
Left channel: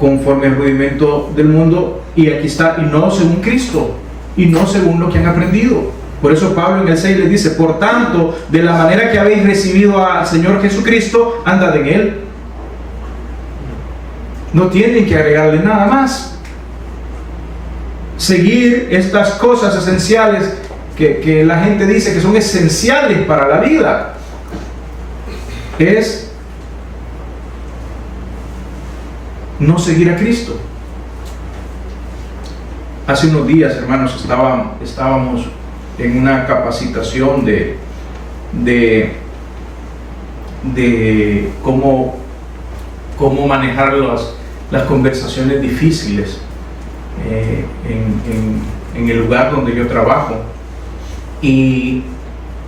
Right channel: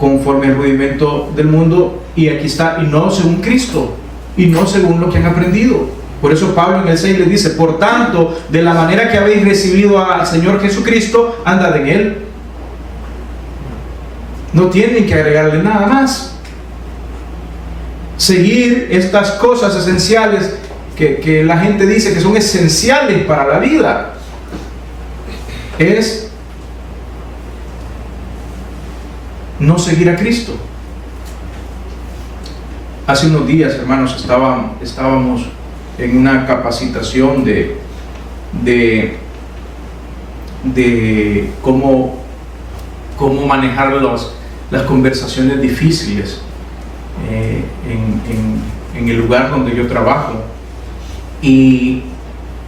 conforme al rudimento del mundo, y aquí está, y no según Cristo, y no según lo que han aprendido. Por eso Pablo en el 6 les dice, por tanto, de la manera que habéis recibido al Señor Jesucristo, andad en Él. No tienen que agregarle nada más. Seguir estas cosas esenciales que la gente dice que son esenciales para la vida, es no seguir a Cristo. Hace unos días, hermanos, estábamos en una capacitación de cómo manejar las conversaciones difíciles en el lugar donde yo trabajo. Y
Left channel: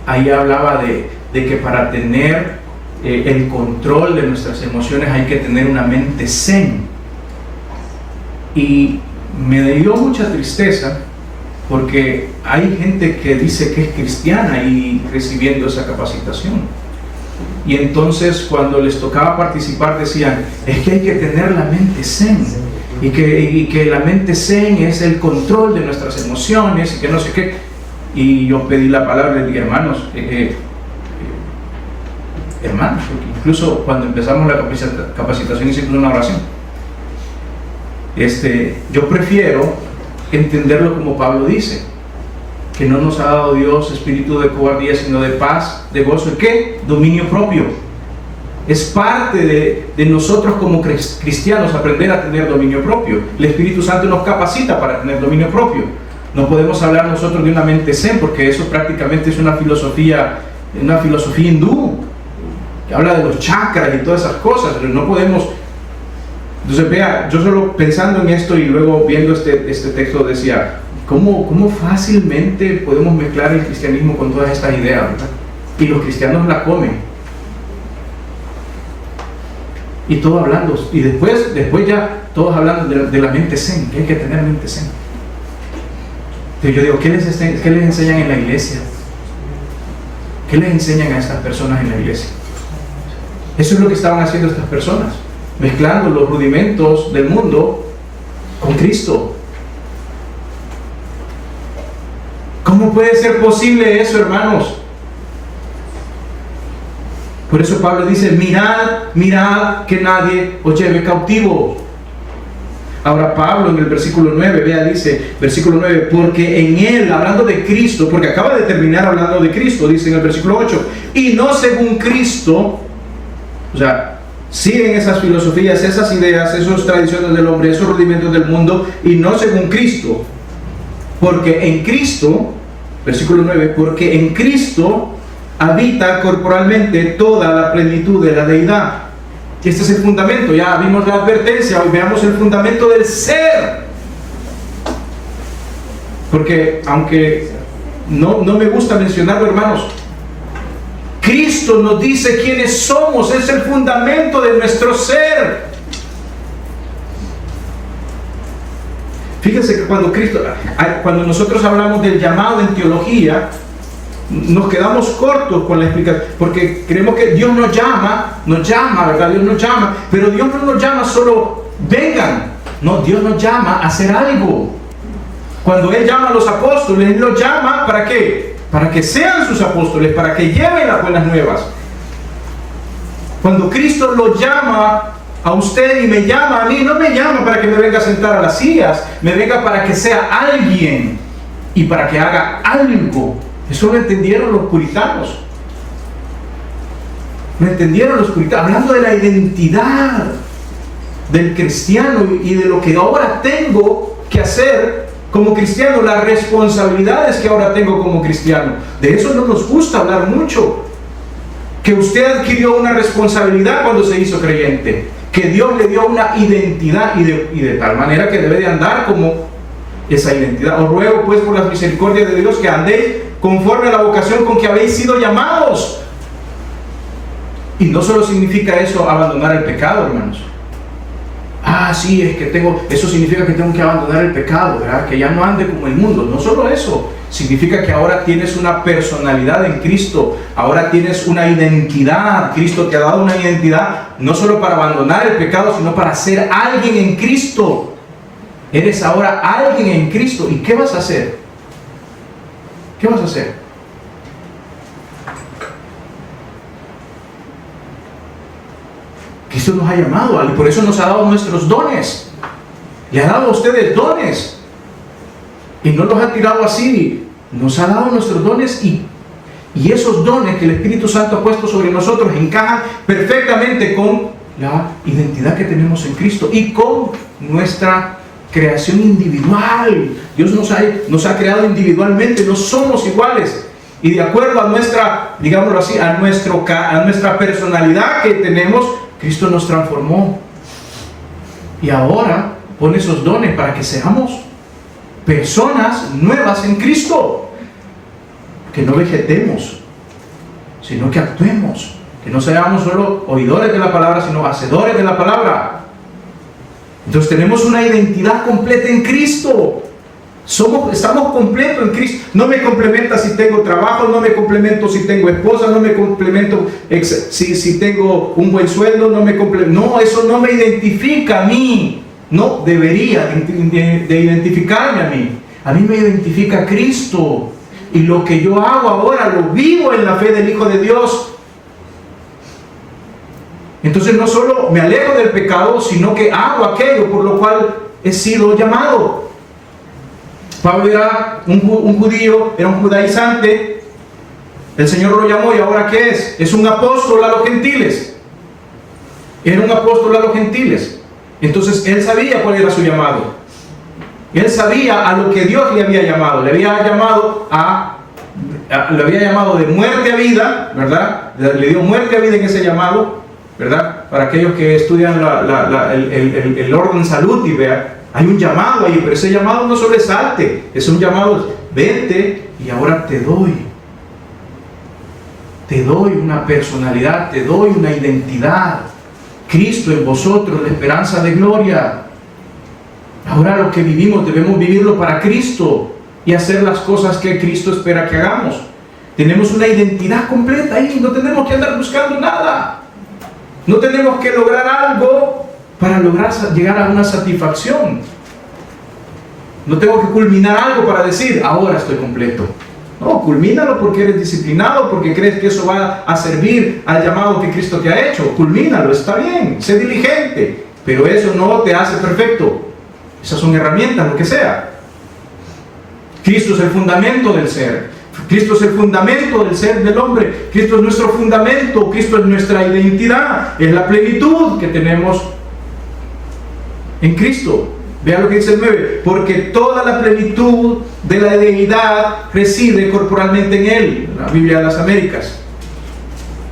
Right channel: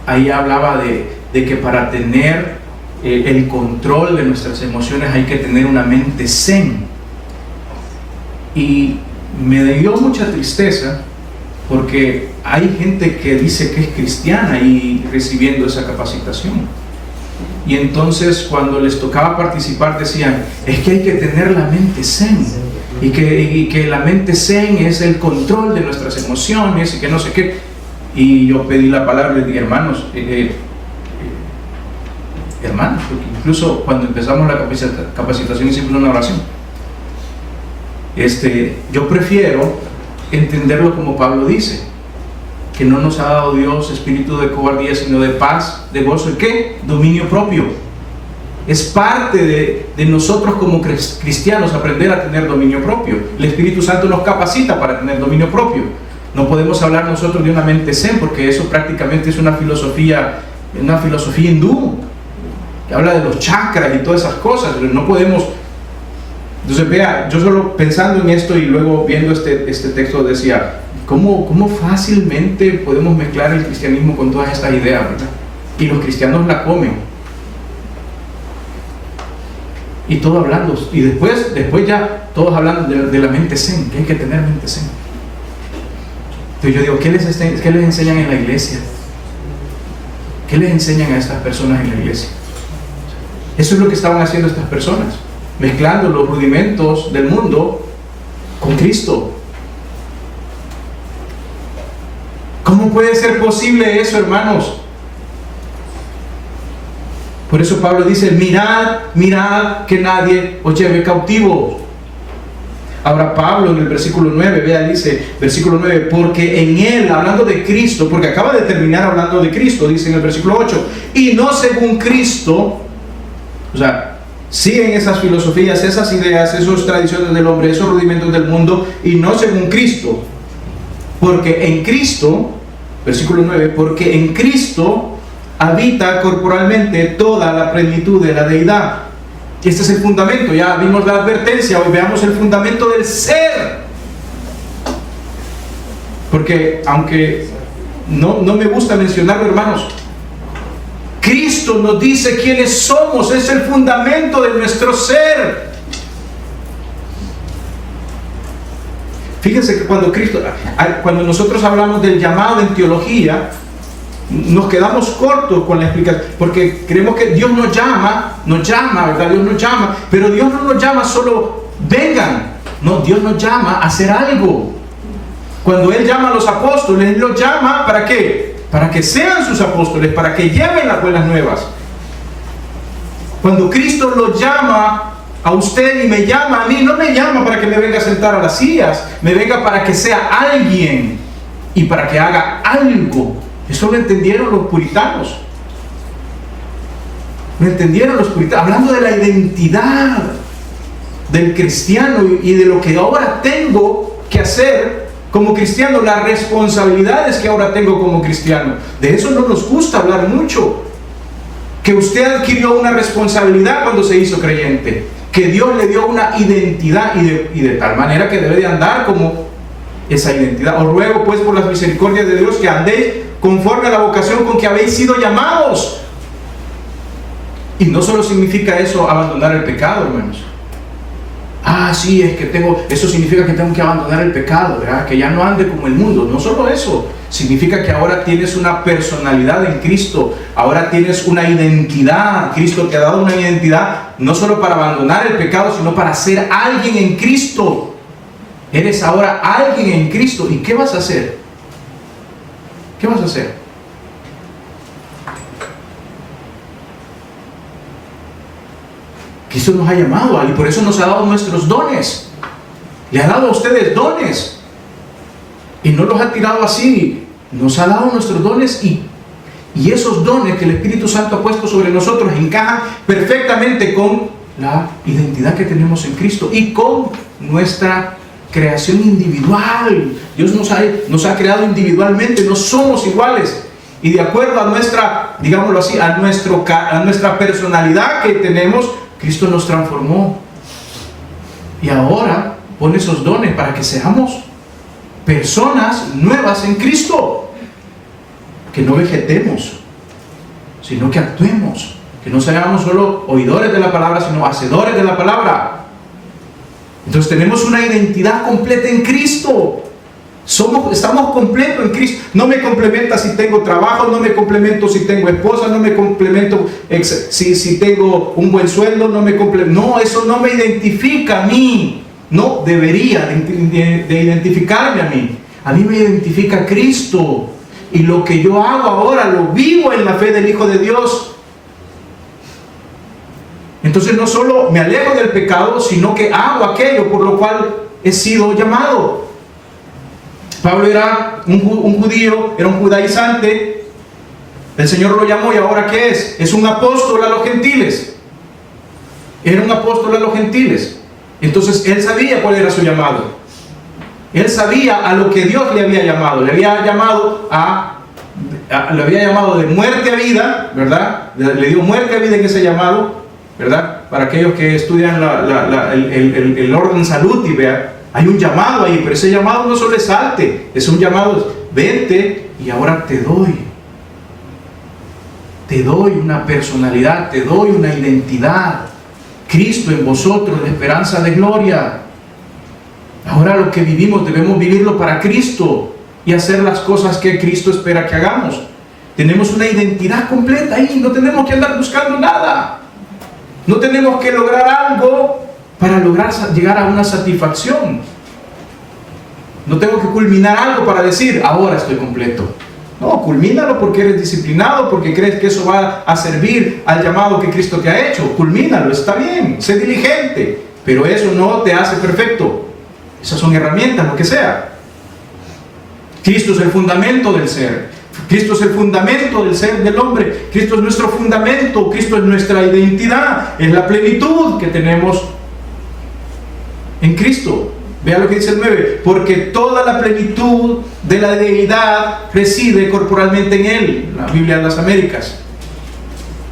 ahí hablaba de que para tener el control de nuestras emociones hay que tener una mente zen. Y me dio mucha tristeza, porque hay gente que dice que es cristiana y recibiendo esa capacitación, y entonces cuando les tocaba participar decían, es que hay que tener la mente zen, y que la mente zen es el control de nuestras emociones y que no sé qué. Y yo pedí la palabra y le dije, hermanos, porque incluso cuando empezamos la capacitación hicimos una oración. Yo prefiero entenderlo como Pablo dice, que no nos ha dado Dios espíritu de cobardía, sino de paz, de gozo, ¿y qué? Dominio propio. Es parte de nosotros como cristianos aprender a tener dominio propio. El Espíritu Santo nos capacita para tener dominio propio. No podemos hablar nosotros de una mente zen, porque eso prácticamente es una filosofía hindú, que habla de los chakras y todas esas cosas. No podemos. Entonces, vea, yo solo pensando en esto y luego viendo este texto decía, ¿cómo fácilmente podemos mezclar el cristianismo con todas estas ideas, ¿verdad? Y los cristianos la comen. Y todo hablando, y después ya todos hablando de la mente zen, que hay que tener mente zen. Entonces yo digo, ¿qué les enseñan en la iglesia? ¿Qué les enseñan a estas personas en la iglesia? Eso es lo que estaban haciendo estas personas, mezclando los rudimentos del mundo con Cristo. ¿Cómo puede ser posible eso, hermanos? Por eso Pablo dice, mirad que nadie os lleve cautivo. Ahora Pablo en el versículo 9, vea, dice, versículo 9, porque en él, hablando de Cristo, porque acaba de terminar hablando de Cristo, dice en el versículo 8, y no según Cristo, o sea, siguen esas filosofías, esas ideas, esas tradiciones del hombre, esos rudimentos del mundo, y no según Cristo, porque en Cristo, versículo 9, porque en Cristo habita corporalmente toda la plenitud de la deidad. Este es el fundamento, ya vimos la advertencia, hoy veamos el fundamento del ser. Porque aunque no me gusta mencionarlo, hermanos, Cristo nos dice quiénes somos, es el fundamento de nuestro ser. Fíjense que cuando nosotros hablamos del llamado en teología, nos quedamos cortos con la explicación, porque creemos que Dios nos llama, ¿verdad? Dios nos llama, pero Dios no nos llama solo vengan, no, Dios nos llama a hacer algo. Cuando Él llama a los apóstoles, Él los llama ¿para qué? Para que sean sus apóstoles, para que lleven las buenas nuevas. Cuando Cristo los llama a usted y me llama a mí, no me llama para que me venga a sentar a las sillas, me venga para que sea alguien y para que haga algo. Eso lo entendieron los puritanos. Lo entendieron los puritanos, hablando de la identidad del cristiano y de lo que ahora tengo que hacer como cristiano, las responsabilidades que ahora tengo como cristiano. De eso no nos gusta hablar mucho. Que usted adquirió una responsabilidad cuando se hizo creyente, que Dios le dio una identidad y de tal manera que debe de andar como esa identidad. Os ruego pues por las misericordias de Dios que andéis conforme a la vocación con que habéis sido llamados. Y no solo significa eso abandonar el pecado, hermanos. Sí, es que eso significa que tengo que abandonar el pecado, ¿verdad? Que ya no ande como el mundo. No solo eso, significa que ahora tienes una personalidad en Cristo, ahora tienes una identidad. Cristo te ha dado una identidad, no solo para abandonar el pecado, sino para ser alguien en Cristo. Eres ahora alguien en Cristo. ¿Y qué vas a hacer? ¿Qué vas a hacer? Cristo nos ha llamado y por eso nos ha dado nuestros dones. Le ha dado a ustedes dones. Y no los ha tirado así. Nos ha dado nuestros dones y esos dones que el Espíritu Santo ha puesto sobre nosotros encajan perfectamente con la identidad que tenemos en Cristo y con nuestra creación individual. Dios nos ha creado individualmente, no somos iguales. Y de acuerdo a nuestra, digámoslo así, a nuestra personalidad que tenemos, Cristo nos transformó. Y ahora pone esos dones para que seamos personas nuevas en Cristo. Que no vegetemos, sino que actuemos. Que no seamos solo oidores de la palabra, sino hacedores de la palabra. Entonces tenemos una identidad completa en Cristo. Estamos completos en Cristo. No me complementa si tengo trabajo, no me complemento si tengo esposa, no me complemento si tengo un buen sueldo, no, eso no me identifica a mí. No debería de identificarme a mí. A mí me identifica Cristo. Y lo que yo hago ahora lo vivo en la fe del Hijo de Dios. Entonces no solo me alejo del pecado, sino que hago aquello por lo cual he sido llamado. Pablo era un judío, era un judaizante. El Señor lo llamó y ahora ¿qué es? Es un apóstol a los gentiles. Era un apóstol a los gentiles. Entonces él sabía cuál era su llamado. Él sabía a lo que Dios le había llamado. Le había llamado de muerte a vida, ¿verdad? Le dio muerte a vida en ese llamado, ¿verdad? Para aquellos que estudian el orden salud y vean, hay un llamado ahí, pero ese llamado no sobresalte, es un llamado, vente y ahora te doy una personalidad, te doy una identidad. Cristo en vosotros, la esperanza de gloria. Ahora lo que vivimos debemos vivirlo para Cristo y hacer las cosas que Cristo espera que hagamos. Tenemos una identidad completa ahí, no tenemos que andar buscando nada. No tenemos que lograr algo para llegar a una satisfacción. No tengo que culminar algo para decir, ahora estoy completo. No, culmínalo porque eres disciplinado, porque crees que eso va a servir al llamado que Cristo te ha hecho. Culmínalo, está bien, sé diligente, pero eso no te hace perfecto. Esas son herramientas, lo que sea. Cristo es el fundamento del ser. Cristo es el fundamento del ser del hombre. Cristo es nuestro fundamento. Cristo es nuestra identidad. Es la plenitud que tenemos en Cristo. Vean lo que dice el 9. Porque toda la plenitud de la deidad reside corporalmente en Él. La Biblia de las Américas.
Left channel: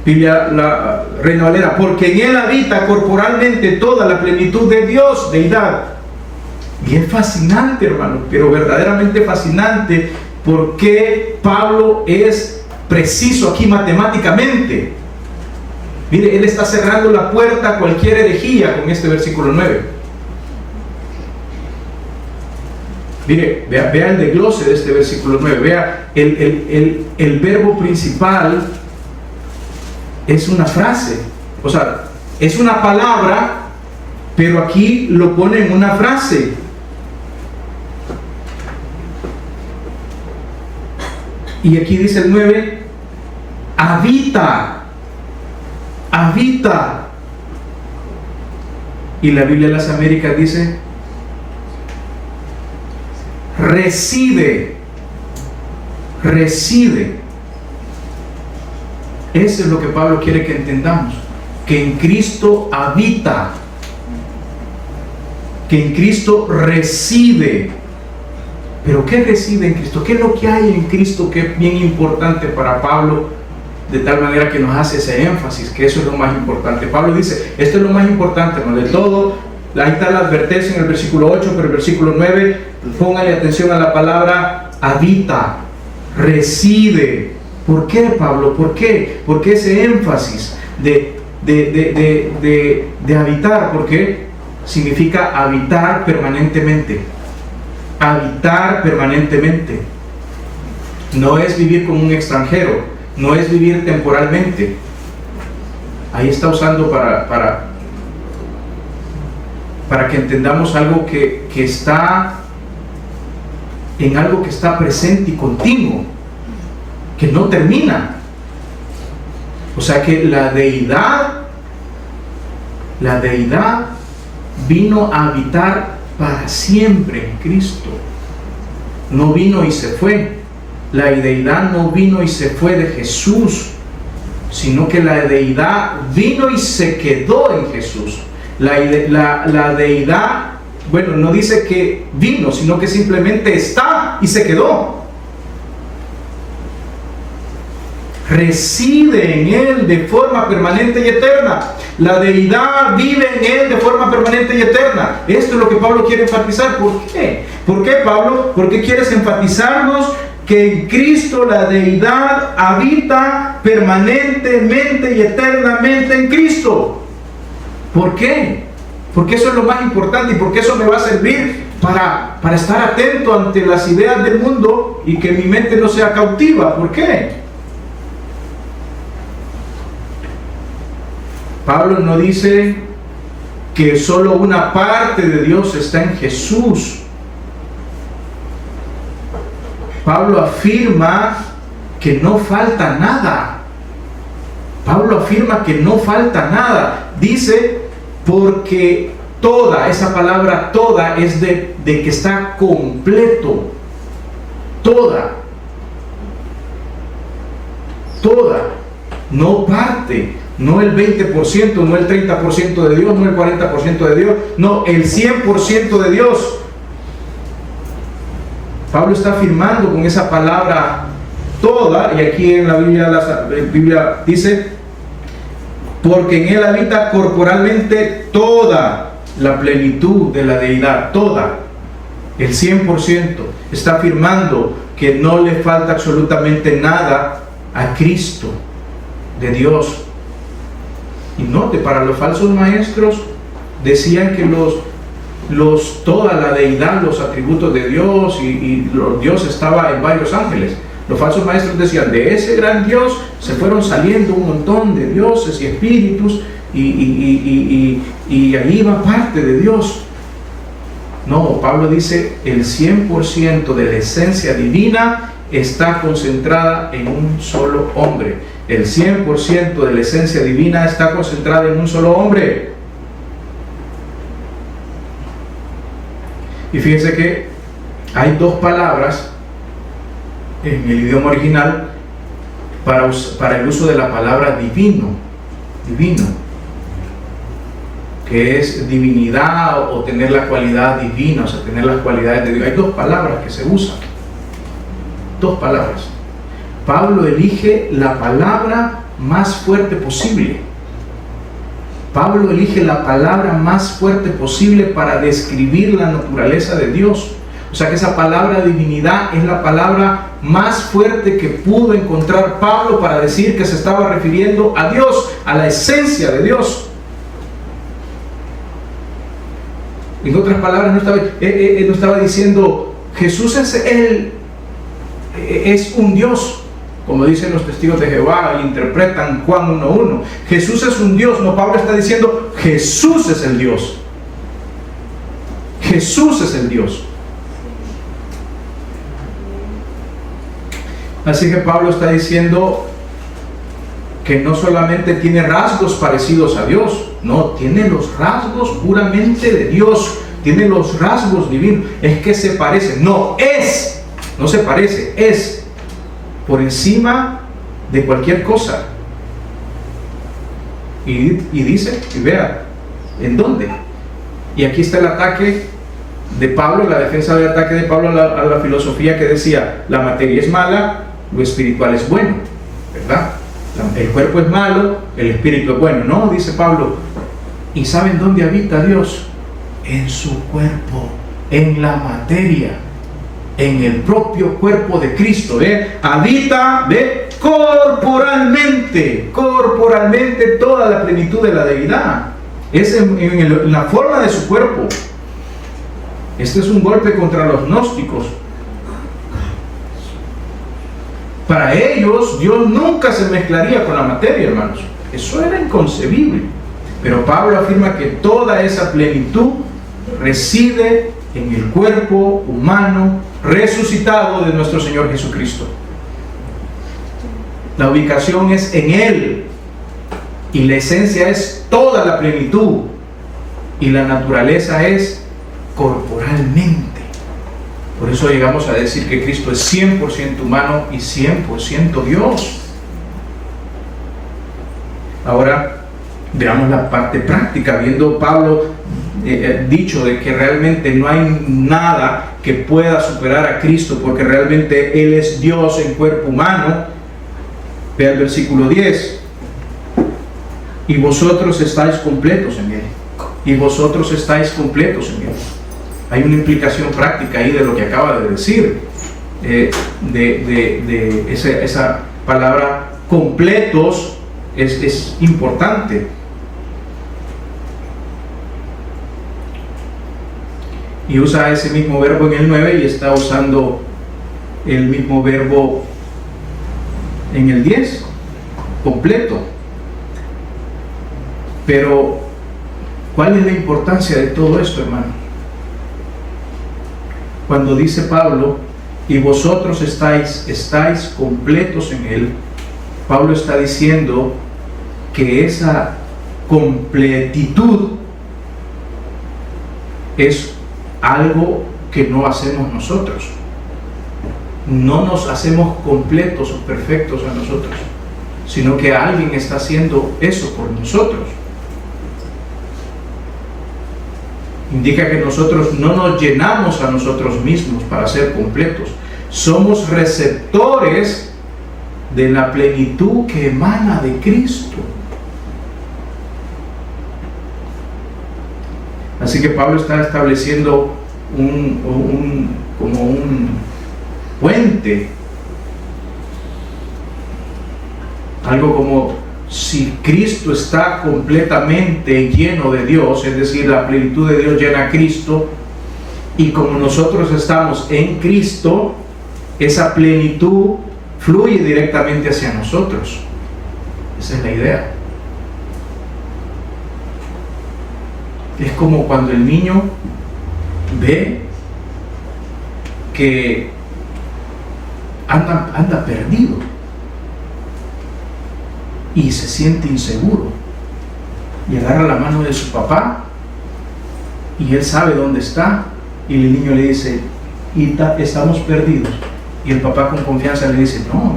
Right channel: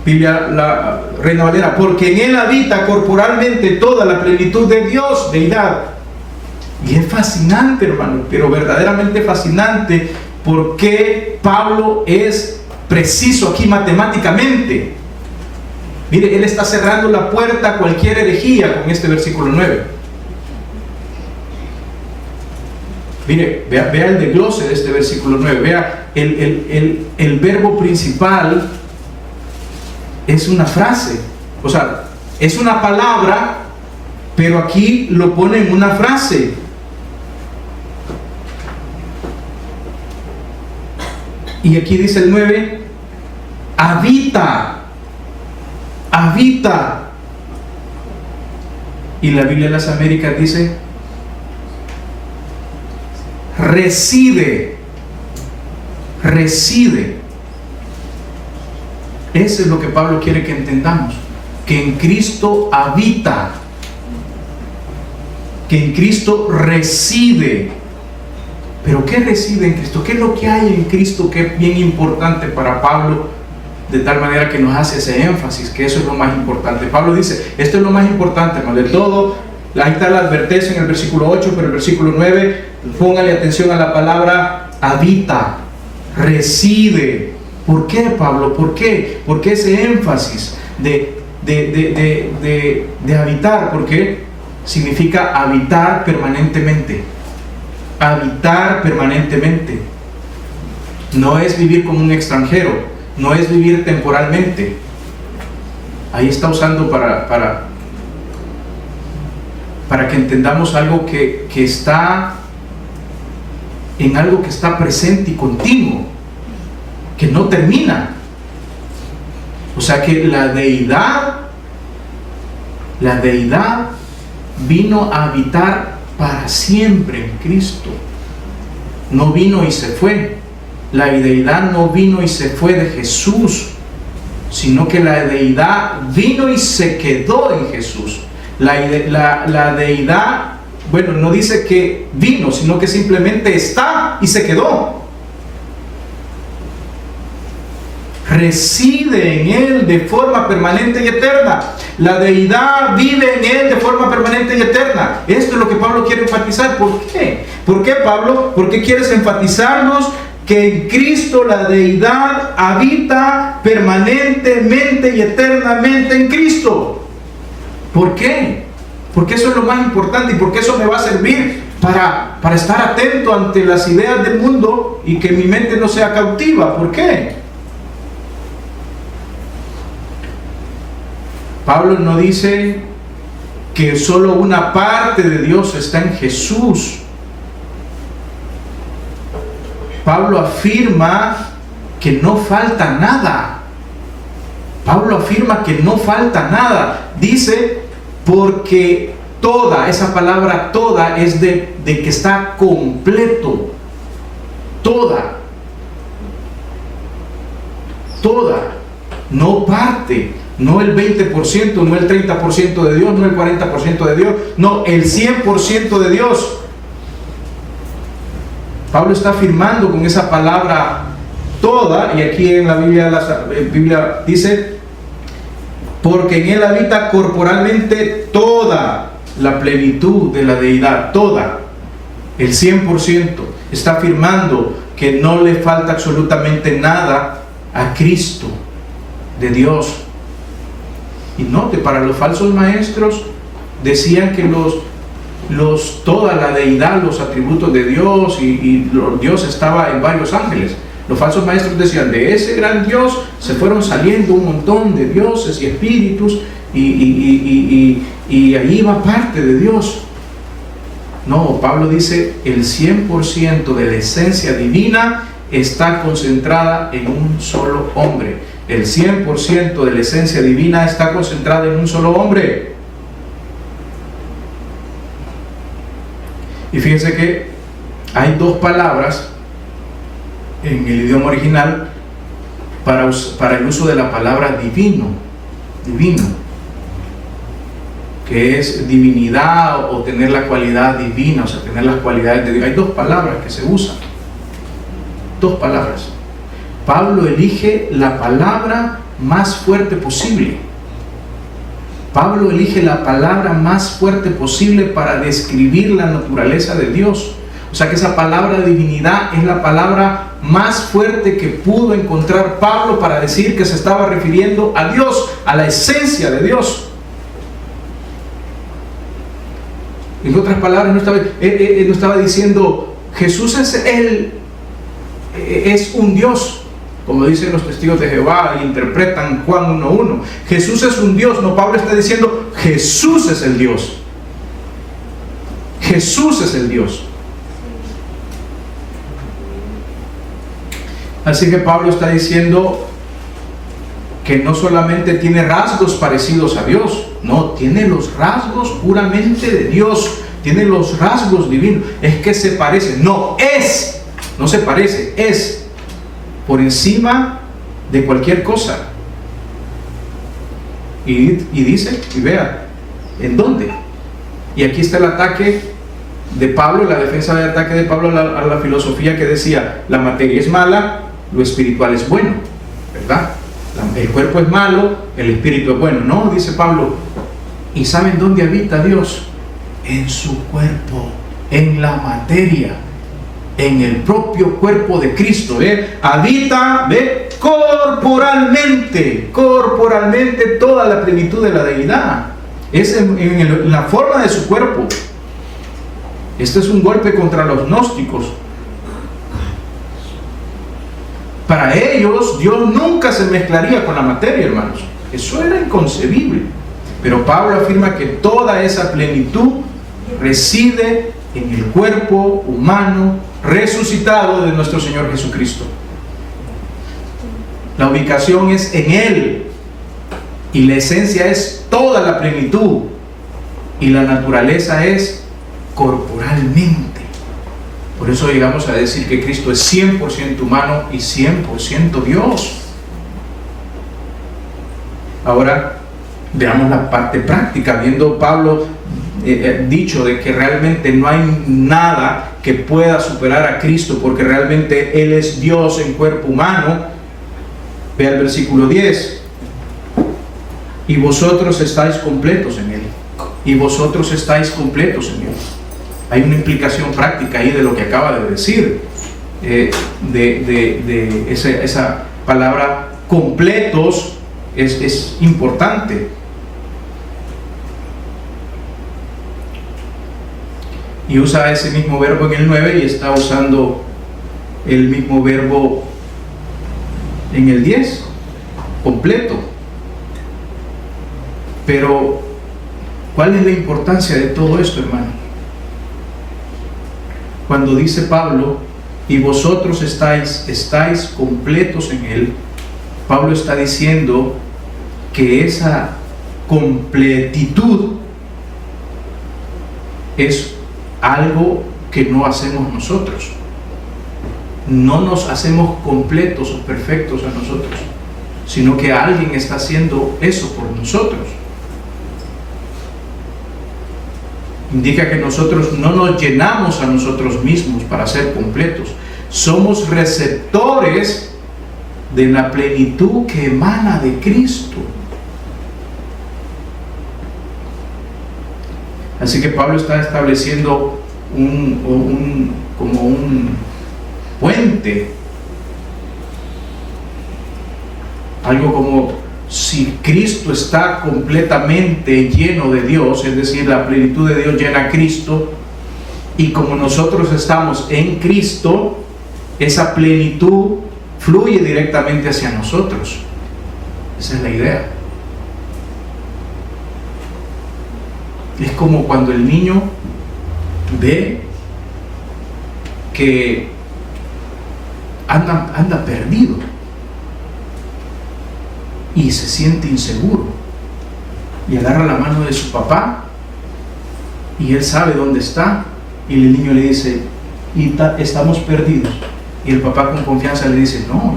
Biblia, la Reina Valera. Porque en Él habita corporalmente toda la plenitud de Dios, deidad. Y es fascinante, hermano, pero verdaderamente fascinante, porque Pablo es preciso aquí matemáticamente. Mire, él está cerrando la puerta a cualquier herejía con este versículo 9. Mire, vea el desglose de este versículo 9. Vea, el verbo principal es una frase, o sea, es una palabra, pero aquí lo pone en una frase. Y aquí dice el 9, habita. Y la Biblia de las Américas dice, reside. Eso es lo que Pablo quiere que entendamos, que en Cristo habita, que en Cristo reside. Pero ¿qué reside en Cristo? ¿Qué es lo que hay en Cristo que es bien importante para Pablo? De tal manera que nos hace ese énfasis, que eso es lo más importante. Pablo dice, esto es lo más importante, ¿no? De todo. Ahí está la advertencia en el versículo 8, pero el versículo 9, póngale atención a la palabra habita, reside. ¿Por qué, Pablo? ¿Por qué? ¿Por qué ese énfasis de habitar? Porque significa habitar permanentemente. Habitar permanentemente. No es vivir como un extranjero, no es vivir temporalmente. Ahí está usando para que entendamos algo que está en algo que está presente y continuo, que no termina. O sea que la deidad vino a habitar para siempre en Cristo. No vino y se fue. La deidad no vino y se fue de Jesús, sino que la deidad vino y se quedó en Jesús. La deidad, bueno, no dice que vino, sino que simplemente está y se quedó. Reside en Él de forma permanente y eterna. La deidad vive en Él de forma permanente y eterna. Esto es lo que Pablo quiere enfatizar. ¿Por qué? ¿Por qué, Pablo? ¿Por qué quieres enfatizarnos que en Cristo la deidad habita permanentemente y eternamente en Cristo? ¿Por qué? Porque eso es lo más importante y porque eso me va a servir para estar atento ante las ideas del mundo y que mi mente no sea cautiva. ¿Por qué? Pablo no dice que solo una parte de Dios está en Jesús. Pablo afirma que no falta nada. Pablo afirma que no falta nada. Dice, porque toda, esa palabra toda es de que está completo. Toda, no parte. No el 20%, no el 30% de Dios, no el 40% de Dios, no el 100% de Dios. Pablo está afirmando con esa palabra toda, y aquí en la Biblia dice, porque en él habita corporalmente toda la plenitud de la deidad, toda, el 100%. Está afirmando que no le falta absolutamente nada a Cristo de Dios. Y note, para los falsos maestros decían que toda la deidad, los atributos de Dios y Dios estaba en varios ángeles. Los falsos maestros decían, de ese gran Dios se fueron saliendo un montón de dioses y espíritus y ahí va parte de Dios. No, Pablo dice, el 100% de la esencia divina está concentrada en un solo hombre. El 100% de la esencia divina está concentrada en un solo hombre. Y fíjense que hay dos palabras en el idioma original para el uso de la palabra divino, que es divinidad o tener la cualidad divina, o sea, tener las cualidades de Dios. Hay dos palabras que se usan, dos palabras. Pablo elige la palabra más fuerte posible. Pablo elige la palabra más fuerte posible para describir la naturaleza de Dios. O sea que esa palabra divinidad es la palabra más fuerte que pudo encontrar Pablo para decir que se estaba refiriendo a Dios, a la esencia de Dios. En otras palabras, no estaba diciendo Jesús es un Dios, como dicen los testigos de Jehová e interpretan Juan 1:1. Jesús es un Dios. No, Pablo está diciendo Jesús es el Dios. Jesús es el Dios. Así que Pablo está diciendo que no solamente tiene rasgos parecidos a Dios, no, tiene los rasgos puramente de Dios, tiene los rasgos divinos. Es que se parece, no se parece, es por encima de cualquier cosa. Y dice, y vea, ¿en dónde? Y aquí está el ataque de Pablo, la defensa del ataque de Pablo a la filosofía que decía, la materia es mala, lo espiritual es bueno, ¿verdad? El cuerpo es malo, el espíritu es bueno. No, dice Pablo, ¿y saben dónde habita Dios? En su cuerpo, en la materia, en el propio cuerpo de Cristo. Habita corporalmente toda la plenitud de la deidad. Es en la forma de su cuerpo. Este es un golpe contra los gnósticos. Para ellos, Dios nunca se mezclaría con la materia, hermanos. Eso era inconcebible. Pero Pablo afirma que toda esa plenitud reside en el cuerpo humano resucitado de nuestro Señor Jesucristo. La ubicación es en Él. Y la esencia es toda la plenitud. Y la naturaleza es corporalmente. Por eso llegamos a decir que Cristo es 100% humano y 100% Dios. Ahora veamos la parte práctica. Viendo Pablo dicho de que realmente no hay nada que pueda superar a Cristo, porque realmente Él es Dios en cuerpo humano. Ve el versículo 10. Y vosotros estáis completos en Él. Y vosotros estáis completos en Él. Hay una implicación práctica ahí de lo que acaba de decir, esa palabra completos es importante. Y usa ese mismo verbo en el 9 y está usando el mismo verbo en el 10, completo. Pero, ¿cuál es la importancia de todo esto, hermano? Cuando dice Pablo, y vosotros estáis completos en Él, Pablo está diciendo que esa completitud es algo que no hacemos nosotros. No nos hacemos completos o perfectos a nosotros, sino que alguien está haciendo eso por nosotros. indica que nosotros no nos llenamos a nosotros mismos para ser completos. Somos receptores de la plenitud que emana de Cristo. Así que Pablo está estableciendo como un puente, algo como si Cristo está completamente lleno de Dios, es decir, la plenitud de Dios llena a Cristo, y como nosotros estamos en Cristo, esa plenitud fluye directamente hacia nosotros. Esa es la idea. Es como cuando el niño ve que anda perdido y se siente inseguro, y agarra la mano de su papá y él sabe dónde está, y el niño le dice: estamos perdidos, y el papá con confianza le dice: no,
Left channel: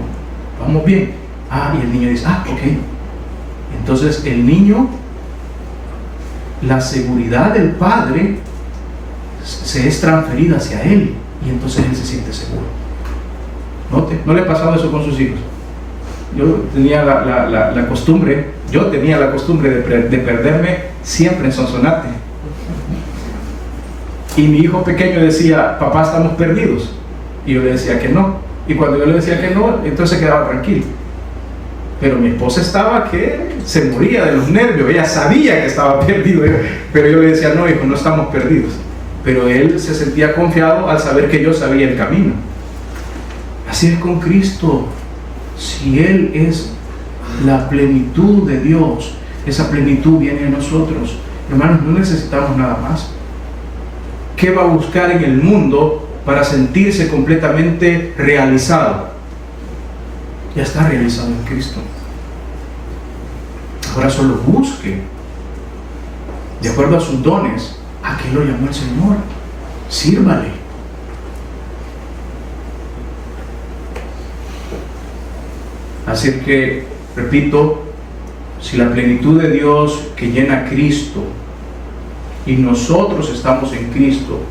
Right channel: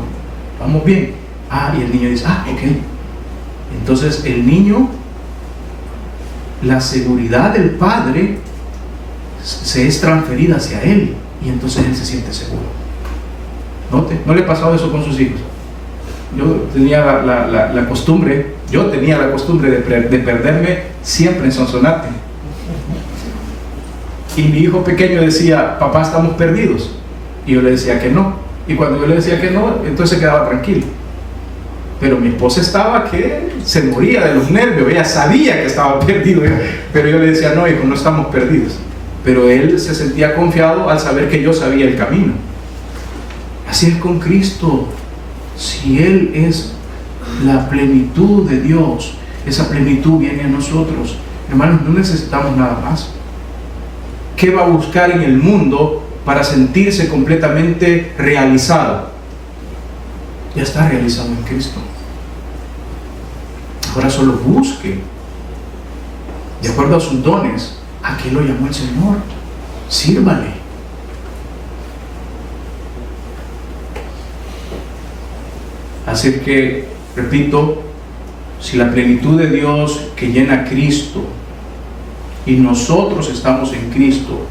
vamos bien. Y el niño dice: ok. Entonces el niño, la seguridad del padre se es transferida hacia él, y entonces él se siente seguro. ¿No le ha pasado eso con sus hijos? Yo tenía la costumbre de perderme siempre en Sonsonate, y mi hijo pequeño decía: papá, estamos perdidos, y yo le decía que no, y cuando yo le decía que no, entonces se quedaba tranquilo. Pero mi esposa estaba que se moría de los nervios, ella sabía que estaba perdido, pero yo le decía: no, hijo, no estamos perdidos. Pero él se sentía confiado al saber que yo sabía el camino. Así es con Cristo. Si Él es la plenitud de Dios, esa plenitud viene a nosotros. Hermanos, no necesitamos nada más. ¿Qué va a buscar en el mundo para sentirse completamente realizado? Ya está realizado en Cristo. Ahora solo busque, de acuerdo a sus dones, a qué lo llamó el Señor. Sírvale. Así que, repito, si la plenitud de Dios que llena a Cristo y nosotros estamos en Cristo,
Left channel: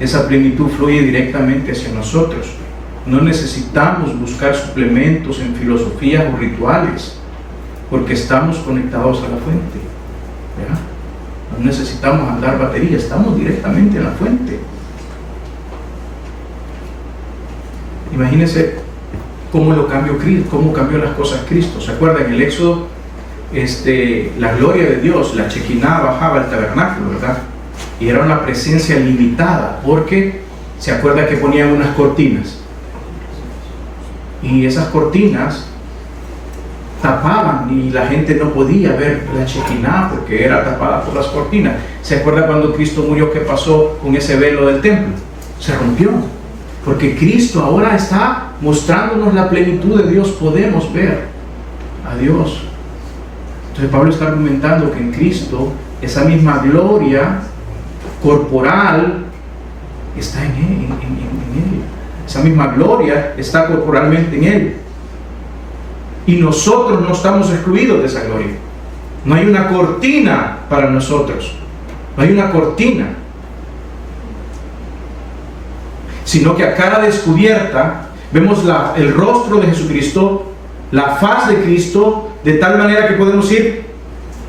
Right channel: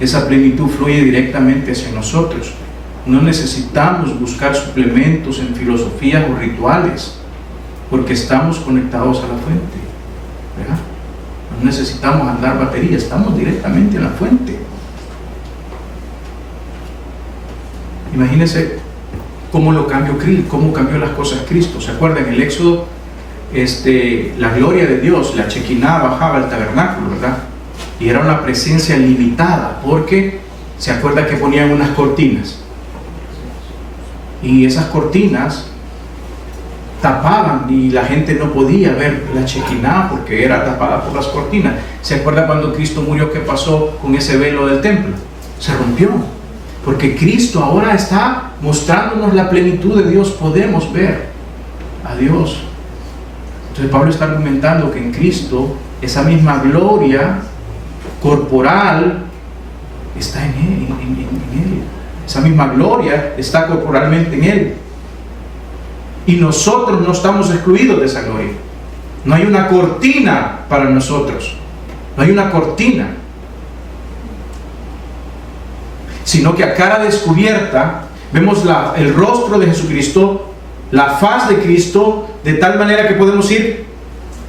esa plenitud fluye directamente hacia nosotros. No necesitamos buscar suplementos en filosofías o rituales, porque estamos conectados a la fuente, ¿verdad? No necesitamos andar batería, estamos directamente en la fuente. Imagínense cómo cambió las cosas Cristo. ¿Se acuerdan? En el Éxodo, la gloria de Dios, la Chequiná, bajaba al tabernáculo, ¿verdad? Y era una presencia limitada, porque se acuerdan que ponían unas cortinas, y esas cortinas tapaban y la gente no podía ver la Chequiná porque era tapada por las cortinas. ¿Se acuerda cuando Cristo murió? ¿Qué pasó con ese velo del templo? Se rompió, porque Cristo ahora está mostrándonos la plenitud de Dios. Podemos ver a Dios. Entonces Pablo está argumentando que en Cristo esa misma gloria corporal está en Él, en Él. Esa misma gloria está corporalmente en Él. Y nosotros no estamos excluidos de esa gloria. No hay una cortina para nosotros. No hay una cortina. Sino que a cara descubierta vemos el rostro de Jesucristo, la faz de Cristo, de tal manera que podemos ir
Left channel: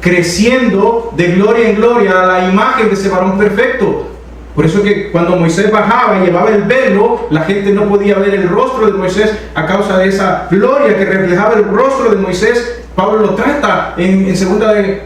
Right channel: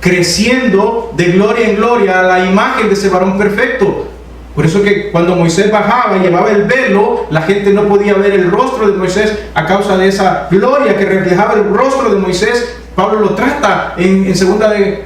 creciendo de gloria en gloria a la imagen de ese varón perfecto. Por eso que cuando Moisés bajaba y llevaba el velo, la gente no podía ver el rostro de Moisés a causa de esa gloria que reflejaba el rostro de Moisés. Pablo lo trata en 2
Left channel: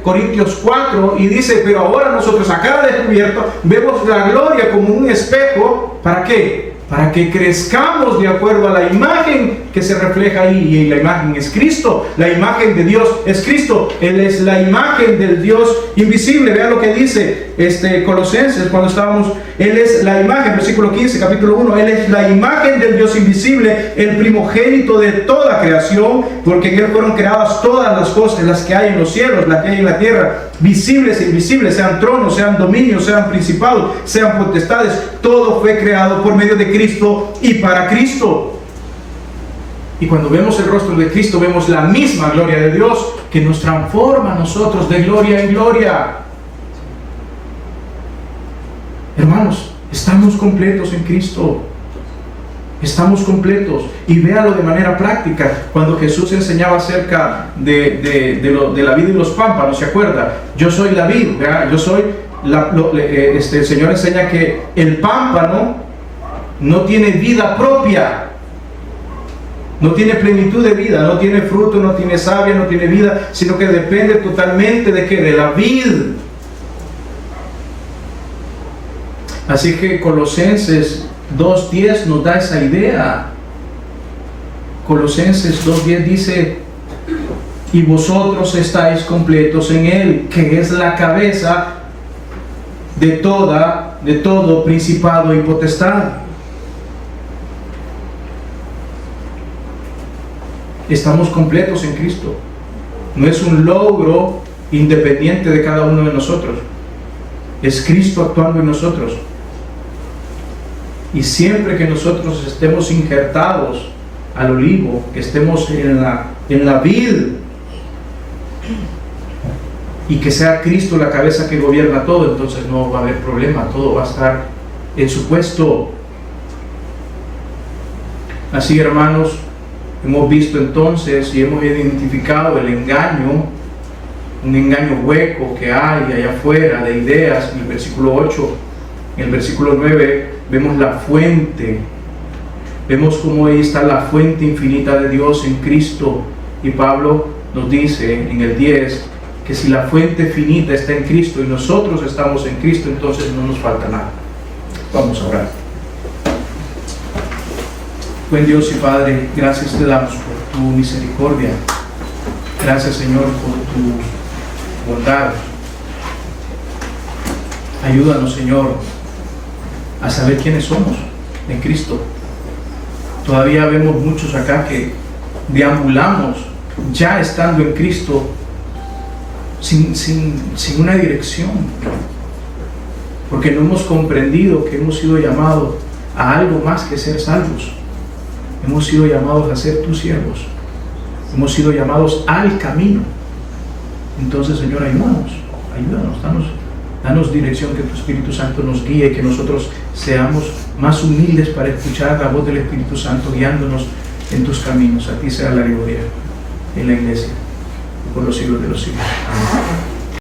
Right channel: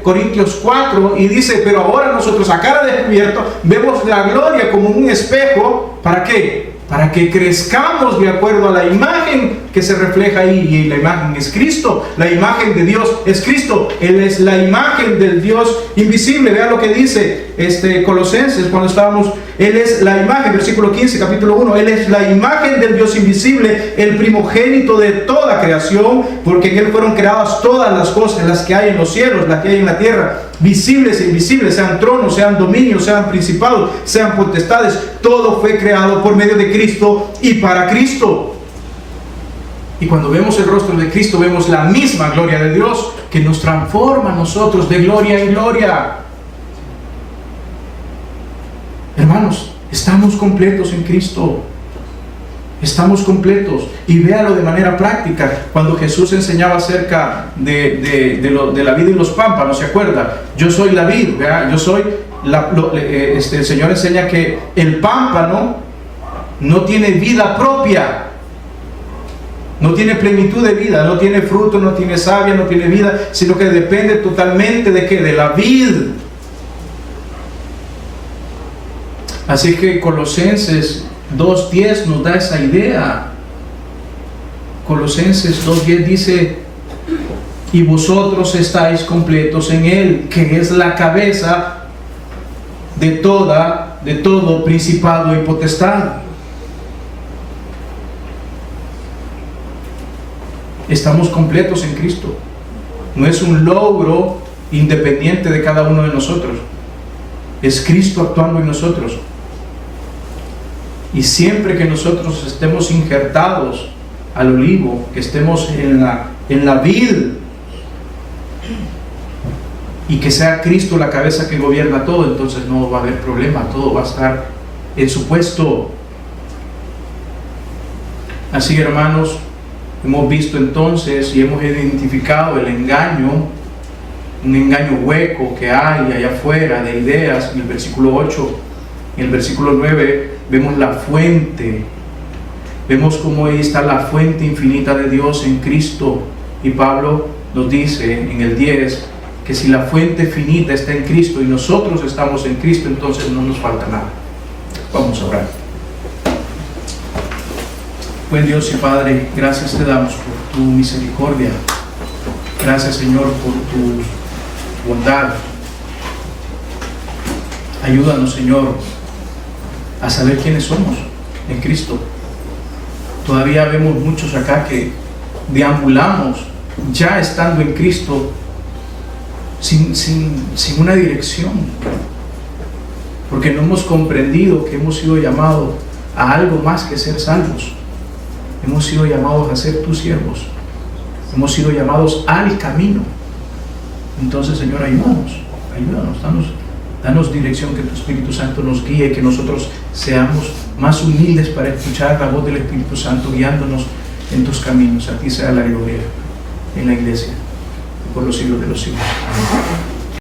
Corintios 4 y dice: pero ahora nosotros a cara descubierto vemos la gloria como un espejo. ¿Para qué? Para que crezcamos de acuerdo a la imagen que se refleja ahí, y la imagen es Cristo. La imagen de Dios es Cristo. Él es la imagen del Dios invisible. Vea lo que dice Colosenses cuando estábamos: Él es la imagen, versículo 15, capítulo 1, Él es la imagen del Dios invisible, el primogénito de toda creación, porque en Él fueron creadas todas las cosas, las que hay en los cielos, las que hay en la tierra, visibles e invisibles, sean tronos, sean dominios, sean principados, sean potestades. Todo fue creado por medio de Cristo y para Cristo. Y cuando vemos el rostro de Cristo, vemos la misma gloria de Dios que nos transforma a nosotros de gloria en gloria. Hermanos, estamos completos en Cristo. Estamos completos. Y véalo de manera práctica. Cuando Jesús enseñaba acerca de la vid y los pámpanos, ¿se acuerda? Yo soy la vid, ¿verdad? Yo soy el Señor enseña que el pámpano no tiene vida propia. No tiene plenitud de vida, no tiene fruto, no tiene savia, no tiene vida, sino que depende totalmente de ¿qué? De la vid. Así que Colosenses 2:10 nos da esa idea. Colosenses 2:10 dice: y vosotros estáis completos en Él, que es la cabeza de todo principado y potestad. Estamos completos en Cristo. No es un logro independiente de cada uno de nosotros. Es Cristo actuando en nosotros. Y siempre que nosotros estemos injertados al olivo, que estemos en la vid, y que sea Cristo la cabeza que gobierna todo, entonces no va a haber problema, todo va a estar en su puesto. Así, hermanos, hemos visto entonces y hemos identificado el engaño, un engaño hueco que hay allá afuera de ideas. En el versículo 8, en el versículo 9 vemos la fuente, vemos cómo ahí está la fuente infinita de Dios en Cristo. Y Pablo nos dice en el 10 que si la fuente finita está en Cristo y nosotros estamos en Cristo, entonces no nos falta nada. Vamos a orar. Buen Dios y Padre, gracias te damos por tu misericordia. Gracias, Señor, por tu bondad. Ayúdanos, Señor, a saber quiénes somos en Cristo. Todavía vemos muchos acá que deambulamos ya estando en Cristo sin una dirección, porque no hemos comprendido que hemos sido llamados a algo más que ser salvos. Hemos sido llamados a ser tus siervos. Hemos sido llamados al camino. Entonces, Señor, ayúdanos, danos dirección, que tu Espíritu Santo nos guíe y que nosotros seamos más humildes para escuchar la voz del Espíritu Santo guiándonos en tus caminos. A ti sea la gloria en la iglesia por los siglos de los siglos. Amén.